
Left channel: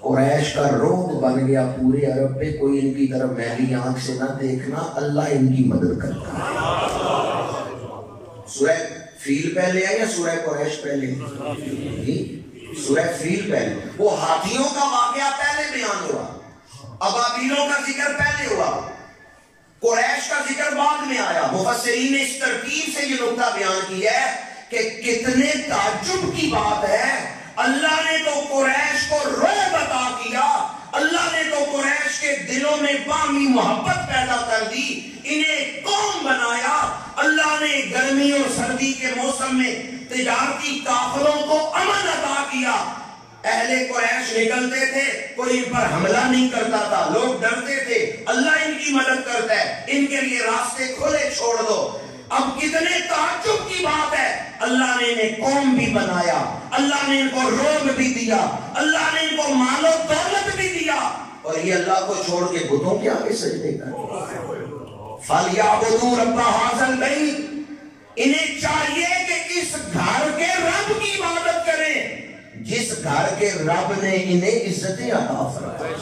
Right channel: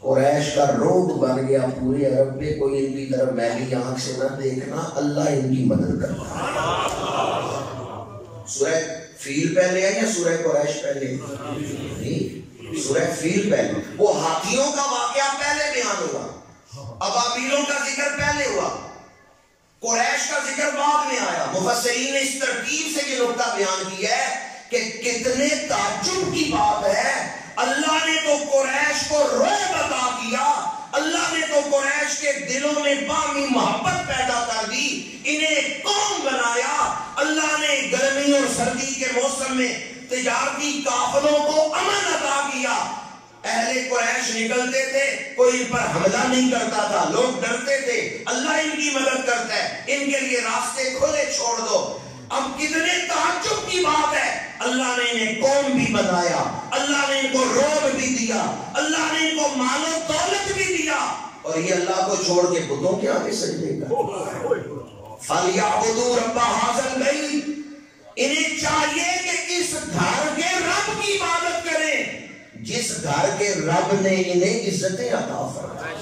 قریش کا رعب بن گیا پورے عرب پہ، کوئی ان کی طرف میلی آنکھ سے نہ دیکھنا، اللہ ان کی مدد کرتا ہے۔ سورہ فیل پہلے ہے یا سورہ قریش پہلے؟ سورہ فیل پہلے۔ وہ ہاتھیوں کا واقعہ پہلے بیان ہوا، ابابیلوں کا ذکر پہلے ہوا، قریش کا ذکر بعد میں آیا۔ مفسرین نے اس ترتیب سے یہ نقطہ بیان کیا ہے کہ کتنے تعجب کی بات ہے، اللہ نے تو قریش کو رعب عطا کیا، اللہ نے تو قریش کے دلوں میں باہمی محبت پیدا کر دی، انہیں قوم بنایا۔ اللہ نے گرمی اور سردی کے موسم میں تجارتی قافلوں کو امن عطا کیا۔ اہل قریش نکلتے تھے، کوئی ان پر حملہ نہیں کرتا تھا، لوگ ڈرتے تھے، اللہ ان کی مدد کرتا ہے، ان کے لیے راستے کھلے چھوڑ دو۔ اب کتنے تعجب کی بات ہے، اللہ نے انہیں قوم بھی بنایا، اللہ نے ان کو رعب بھی دیا، اللہ نے ان کو مال و دولت بھی دیا، اور یہ اللہ کو چھوڑ کے بتوں کے آگے سجدے کرتے۔ فَلْيَعْبُدُوا رَبَّ هَٰذَا الْبَيْتِ، انہیں چاہیے کہ اس گھر کے رب کی عبادت کریں جس گھر کے رب نے انہیں عزتیں عطا فرمائیں،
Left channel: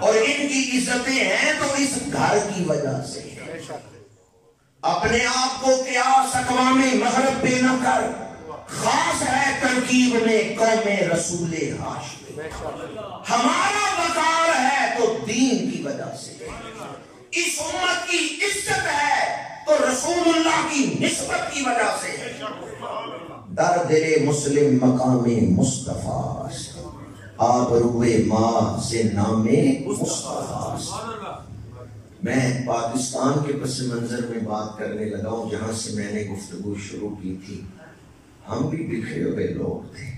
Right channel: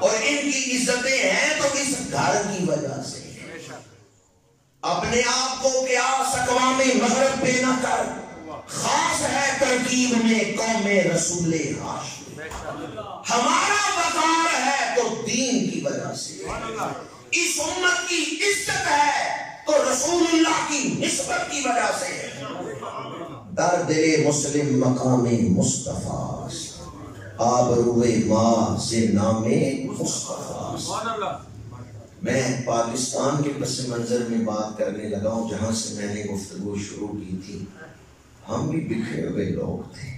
اور ان کی عزتیں ہیں تو اس گھر کی وجہ سے۔ اپنے آپ کو قیاس اقوام مغرب پہ نہ کر، خاص ہے ترکیب میں قوم رسول ہاشم، ہمارا وقار ہے تو دین کی وجہ سے، اس امت کی عزت ہے تو رسول اللہ کی نسبت کی وجہ سے۔ در دل مسلم مقام مصطفیٰ، آبروئے ماں سے نام مصطفیٰ۔ میں پاکستان کے پس منظر میں بات کرنے لگا ہوں جہاں سے میں نے گفتگو شروع کی تھی۔ ہم بھی بکھرے ہوئے لوگ تھے،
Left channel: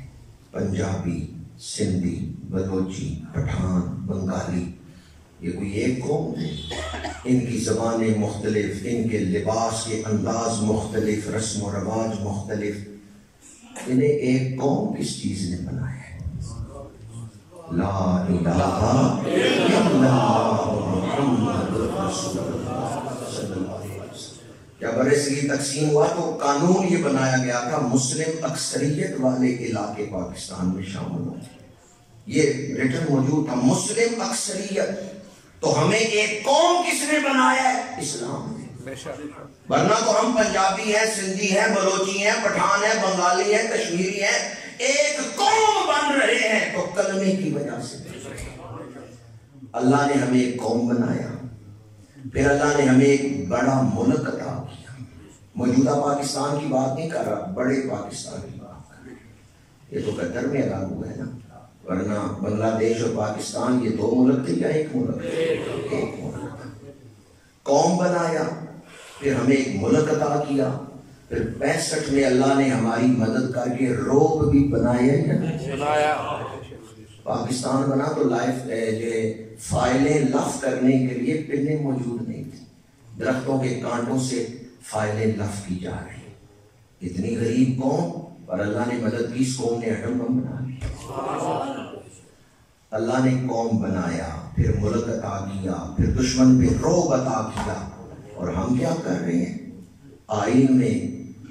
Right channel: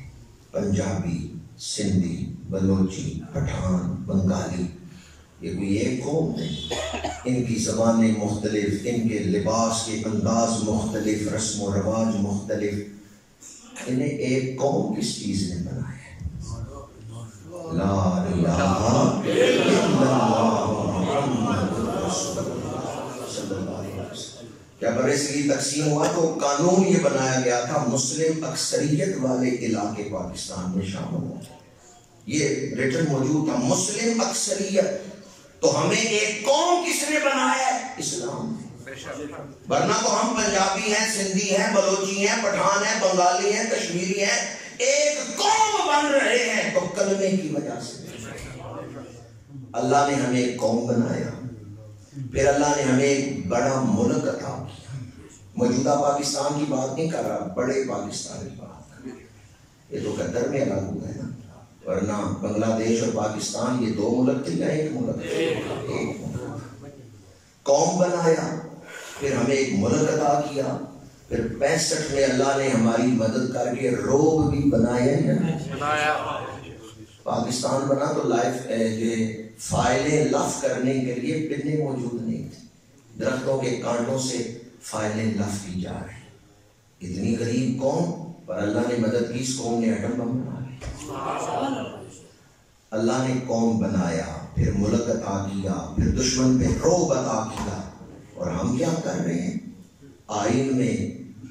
پنجابی، سندھی، بلوچی، پٹھان، بنگالی، یہ کوئی ایک قوم نہیں۔ ان کی زبانیں مختلف، ان کے لباس کے انداز مختلف، رسم و رواج مختلف، انہیں ایک قوم کس چیز نے بنایا ہے؟ لا الہ الا اللہ محمد رسول اللہ صلی اللہ علیہ وسلم۔ جب برصغیر تقسیم ہوا تو قانون یہ بنایا گیا تھا مسلم اکثریت والے علاقے پاکستان میں شامل ہوں، یہ ریٹن موجود تھا، مسلم اکثریت۔ تو ہمیں ایک قوم کس نے بنایا ہے؟ اسلام نے۔ ورنہ تو ہم پنجابی ہیں، سندھی ہیں، بلوچی ہیں، پٹھان ہیں، بنگالی ہیں، کشمیری ہیں، ایک قوم بن رہے ہیں تو کلمے کی وجہ سے۔ اللہ نے ہمیں ایک قوم بنایا، پھر اللہ نے ہمیں ایک بڑا ملک عطا کیا۔ موجودہ پاکستان کی بات نہیں کر رہا، بڑے پاکستان کی بات کر رہا۔ یہ تو قطر میں الگ ہوا ہے نا، ورنہ بنگلہ دیش اور پاکستان یہ 2 ملک تھے یا 1 ملک؟ ایک ملک۔ قوم بنایا، پھر ہمیں ایک ملک عطا کیا، پھر 65 میں اللہ نے ہماری مدد کر کے روب بھی بنایا۔ پاکستان بنا تو فائلیں لف کرنے کے لیے پنیں موجود نہیں تھی، درختوں کے کانٹوں سے فائلیں لف کی جا رہی۔ اتنی غریب قوم پر اللہ نے مدد کی، اس قوم نے ایٹم بم بنا لیا۔ اللہ نے قوم بنایا، پھر ملک عطا کیا، پھر دشمن پہ رعب عطا کیا، اور ہم کیا کر رہے ہیں؟ آئین میں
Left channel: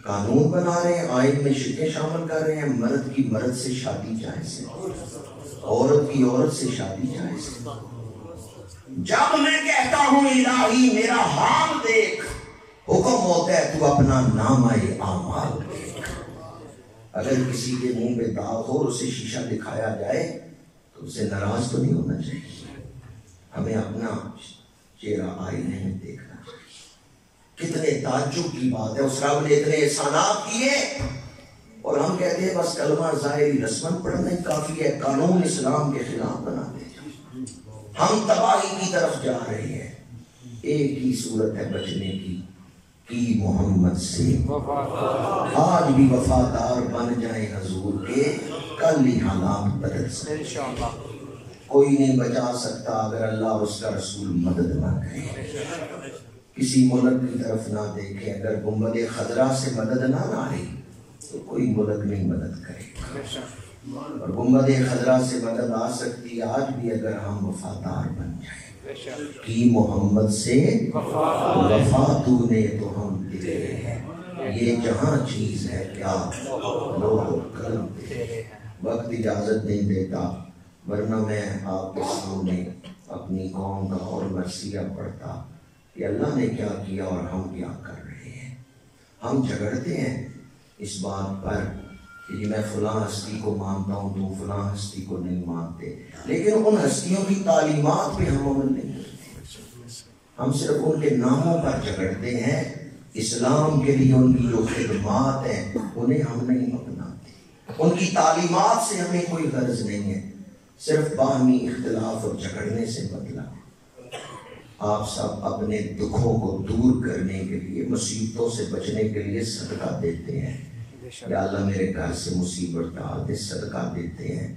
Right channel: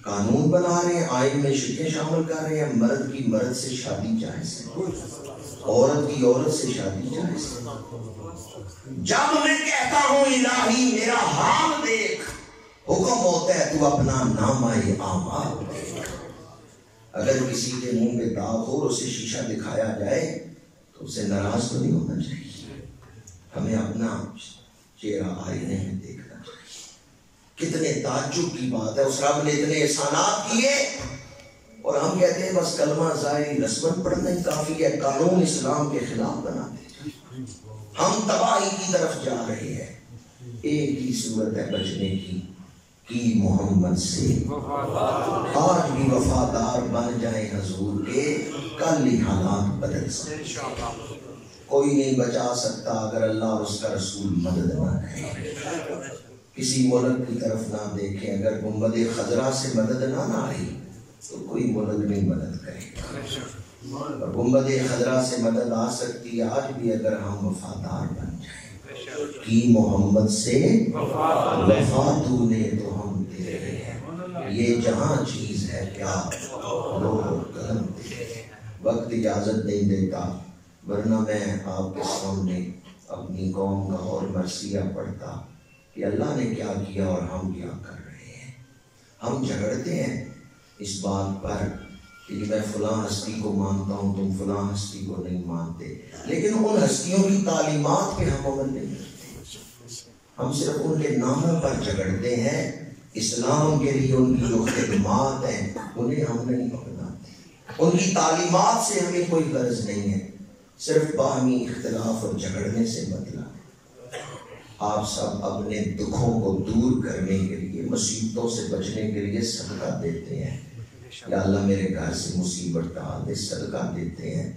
قانون بنا رہے ہیں، آئین میں شرکیں شامل کر رہے ہیں، مرد کی مرد سے شادی جائز ہے، عورت کی عورت سے شادی جائز ہے۔ جب میں کہتا ہوں الہی میرا حال دیکھ، حکم ہوتا ہے تو اپنا نامہ اعمال دیکھ۔ اگر کسی کے منہ پہ داغ ہو اور اسے شیشہ دکھایا جائے تو اسے ناراض تو نہیں ہونا چاہیے، ہمیں اپنا چہرہ آئینے میں دیکھنا چاہیے۔ کتنے تعجب کی بات ہے، اس رب نے اتنے احسانات کیے اور ہم کہتے ہیں بس کلمہ ظاہری رسمن پڑھنا ہی کافی ہے، قانون اسلام کے خلاف بنا دے۔ ہم تباہی کی طرف جا رہے ہیں، ایک ہی صورت ہے بچنے کی محمد سے، آج بھی وفادار بن جائیں حضور کے، کل ہی حالات بدل سکتے۔ کوئی نہیں بچا سکتا اگر اللہ اور اس کا رسول مدد نہ کرے۔ کسی ملک کی طرف نہ دیکھیں، اگر گنبد خضرا سے مدد نہ آئی تو کوئی ملک نہیں مدد کرے گا، اور گنبد خضرا سے مدد آ سکتی ہے آج بھی اگر ہم وفادار بن جائیں۔ کی محمد سے وفا تو نے تو ہم تیرے ہیں، یہ جہاں چیز ہے کیا لوگ قلم تیرے۔ وقت اجازت نہیں دیتا، ورنہ میں آپ کے سامنے اپنی قوم کا اور مرثیہ پڑھتا کہ اللہ نے کیا کیا اور ہم کیا کر رہے ہیں۔ ہم جھگڑتے ہیں اس بات پر کہ میں فلاں ہستی کو مانتا ہوں، تم فلاں ہستی کو نہیں مانتے، لیکن ان ہستیوں کی تعلیمات پہ ہم عمل نہیں کرتے، ہم صرف ان کے ناموں پر جھگڑتے ہیں۔ اسلام کے لیے ان کی جو خدمات ہیں انہیں ہم نہیں اپناتے، ان کی تعلیمات سے ہمیں کوئی غرض نہیں ہے، صرف باہمی اختلاف اور جھگڑنے سے مطلب۔ آپ سب اپنے دکھوں کو دور کرنے کے لیے، مصیبتوں سے بچنے کے لیے صدقہ دیتے ہیں، یا اللہ میرے گھر سے مصیبت ٹال دے، صدقہ دیتے ہیں۔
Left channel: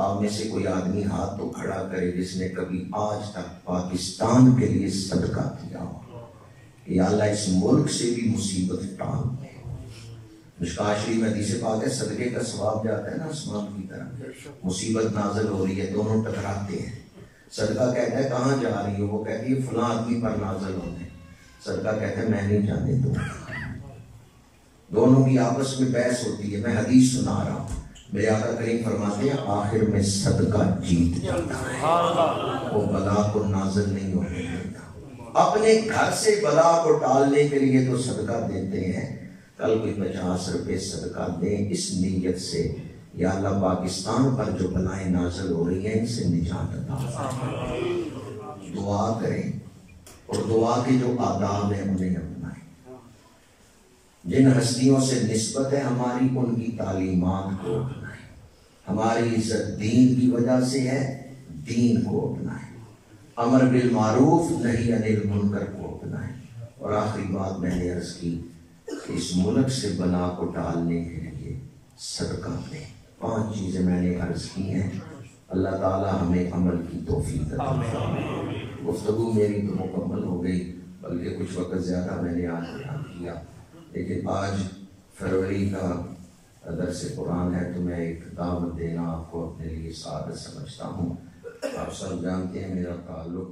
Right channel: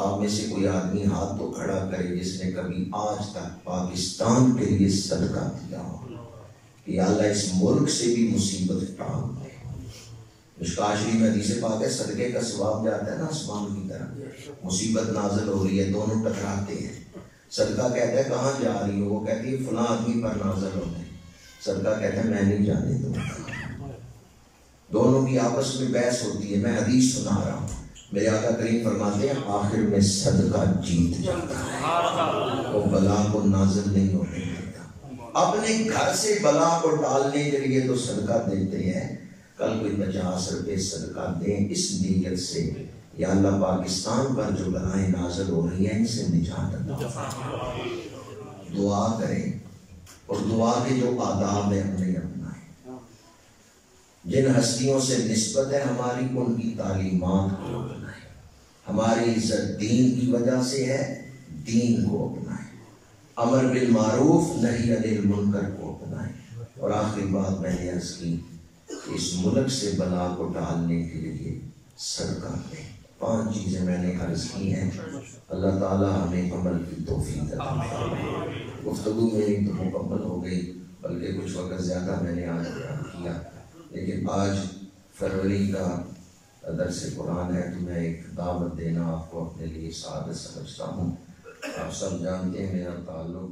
آپ میں سے کوئی آدمی ہاتھ تو کھڑا کرے جس نے کبھی آج تک پاکستان کے لیے صدقہ دیا ہو، کہ اللہ اس ملک سے بھی مصیبت ٹال دے۔ مشکوٰۃ شریف میں حدیث پاک ہے، صدقے کا ثواب جاتا ہے نا آسمان کی طرف، مصیبت نازل ہو رہی ہے، دونوں ٹکراتے ہیں، صدقہ کہتا ہے کہاں جا رہی ہو، وہ کہتی ہے فلاں آدمی پر نازل ہوتے، صدقہ کہتا ہے میں نہیں جانے دوں۔ دونوں کی آپس میں بحث ہوتی ہے، میں حدیث سنا رہا ہوں، میرے آقا کریم فرماتے ہیں آخر میں صدقہ جیت جاتا ہے، وہ بلا کو نازل نہیں ہونے دیتا۔ اپنے گھر سے بلا کو ٹالنے کے لیے تو صدقہ دیتے ہیں، کل کوئی 50 روپے صدقہ دیں اس نیت سے، یا اللہ پاکستان پر جو بلائیں نازل ہو رہی ہیں ان سے نجات عطا فرمائے۔ دعا کریں اور دعا کے جو آداب ہیں انہیں اپنائیں۔ جن ہستیوں سے نسبت ہے ہماری ان کی تعلیمات کو اپنائیں، ہماری عزت دین کی وجہ سے ہے، دین کو اپنائیں، امر بالمعروف نہی عن المنکر کو اپنائیں۔ اور آخری بات میں نے عرض کی کہ اس ملک سے بلا کو ٹالنے کے لیے صدقہ دیں۔ 5 چیزیں میں نے عرض کی ہیں، اللہ تعالی ہمیں عمل کی توفیق عطا فرمائے۔ گفتگو میری تو مکمل ہو گئی، بلکہ کچھ وقت زیادہ میں نے آج بیان کیا، لیکن آج فروری کا درس قرآن ہے تو میں ایک دعوت دینا آپ کو اپنے لیے سعادت سمجھتا ہوں۔ آپ سب جانتے ہیں میرا تعلق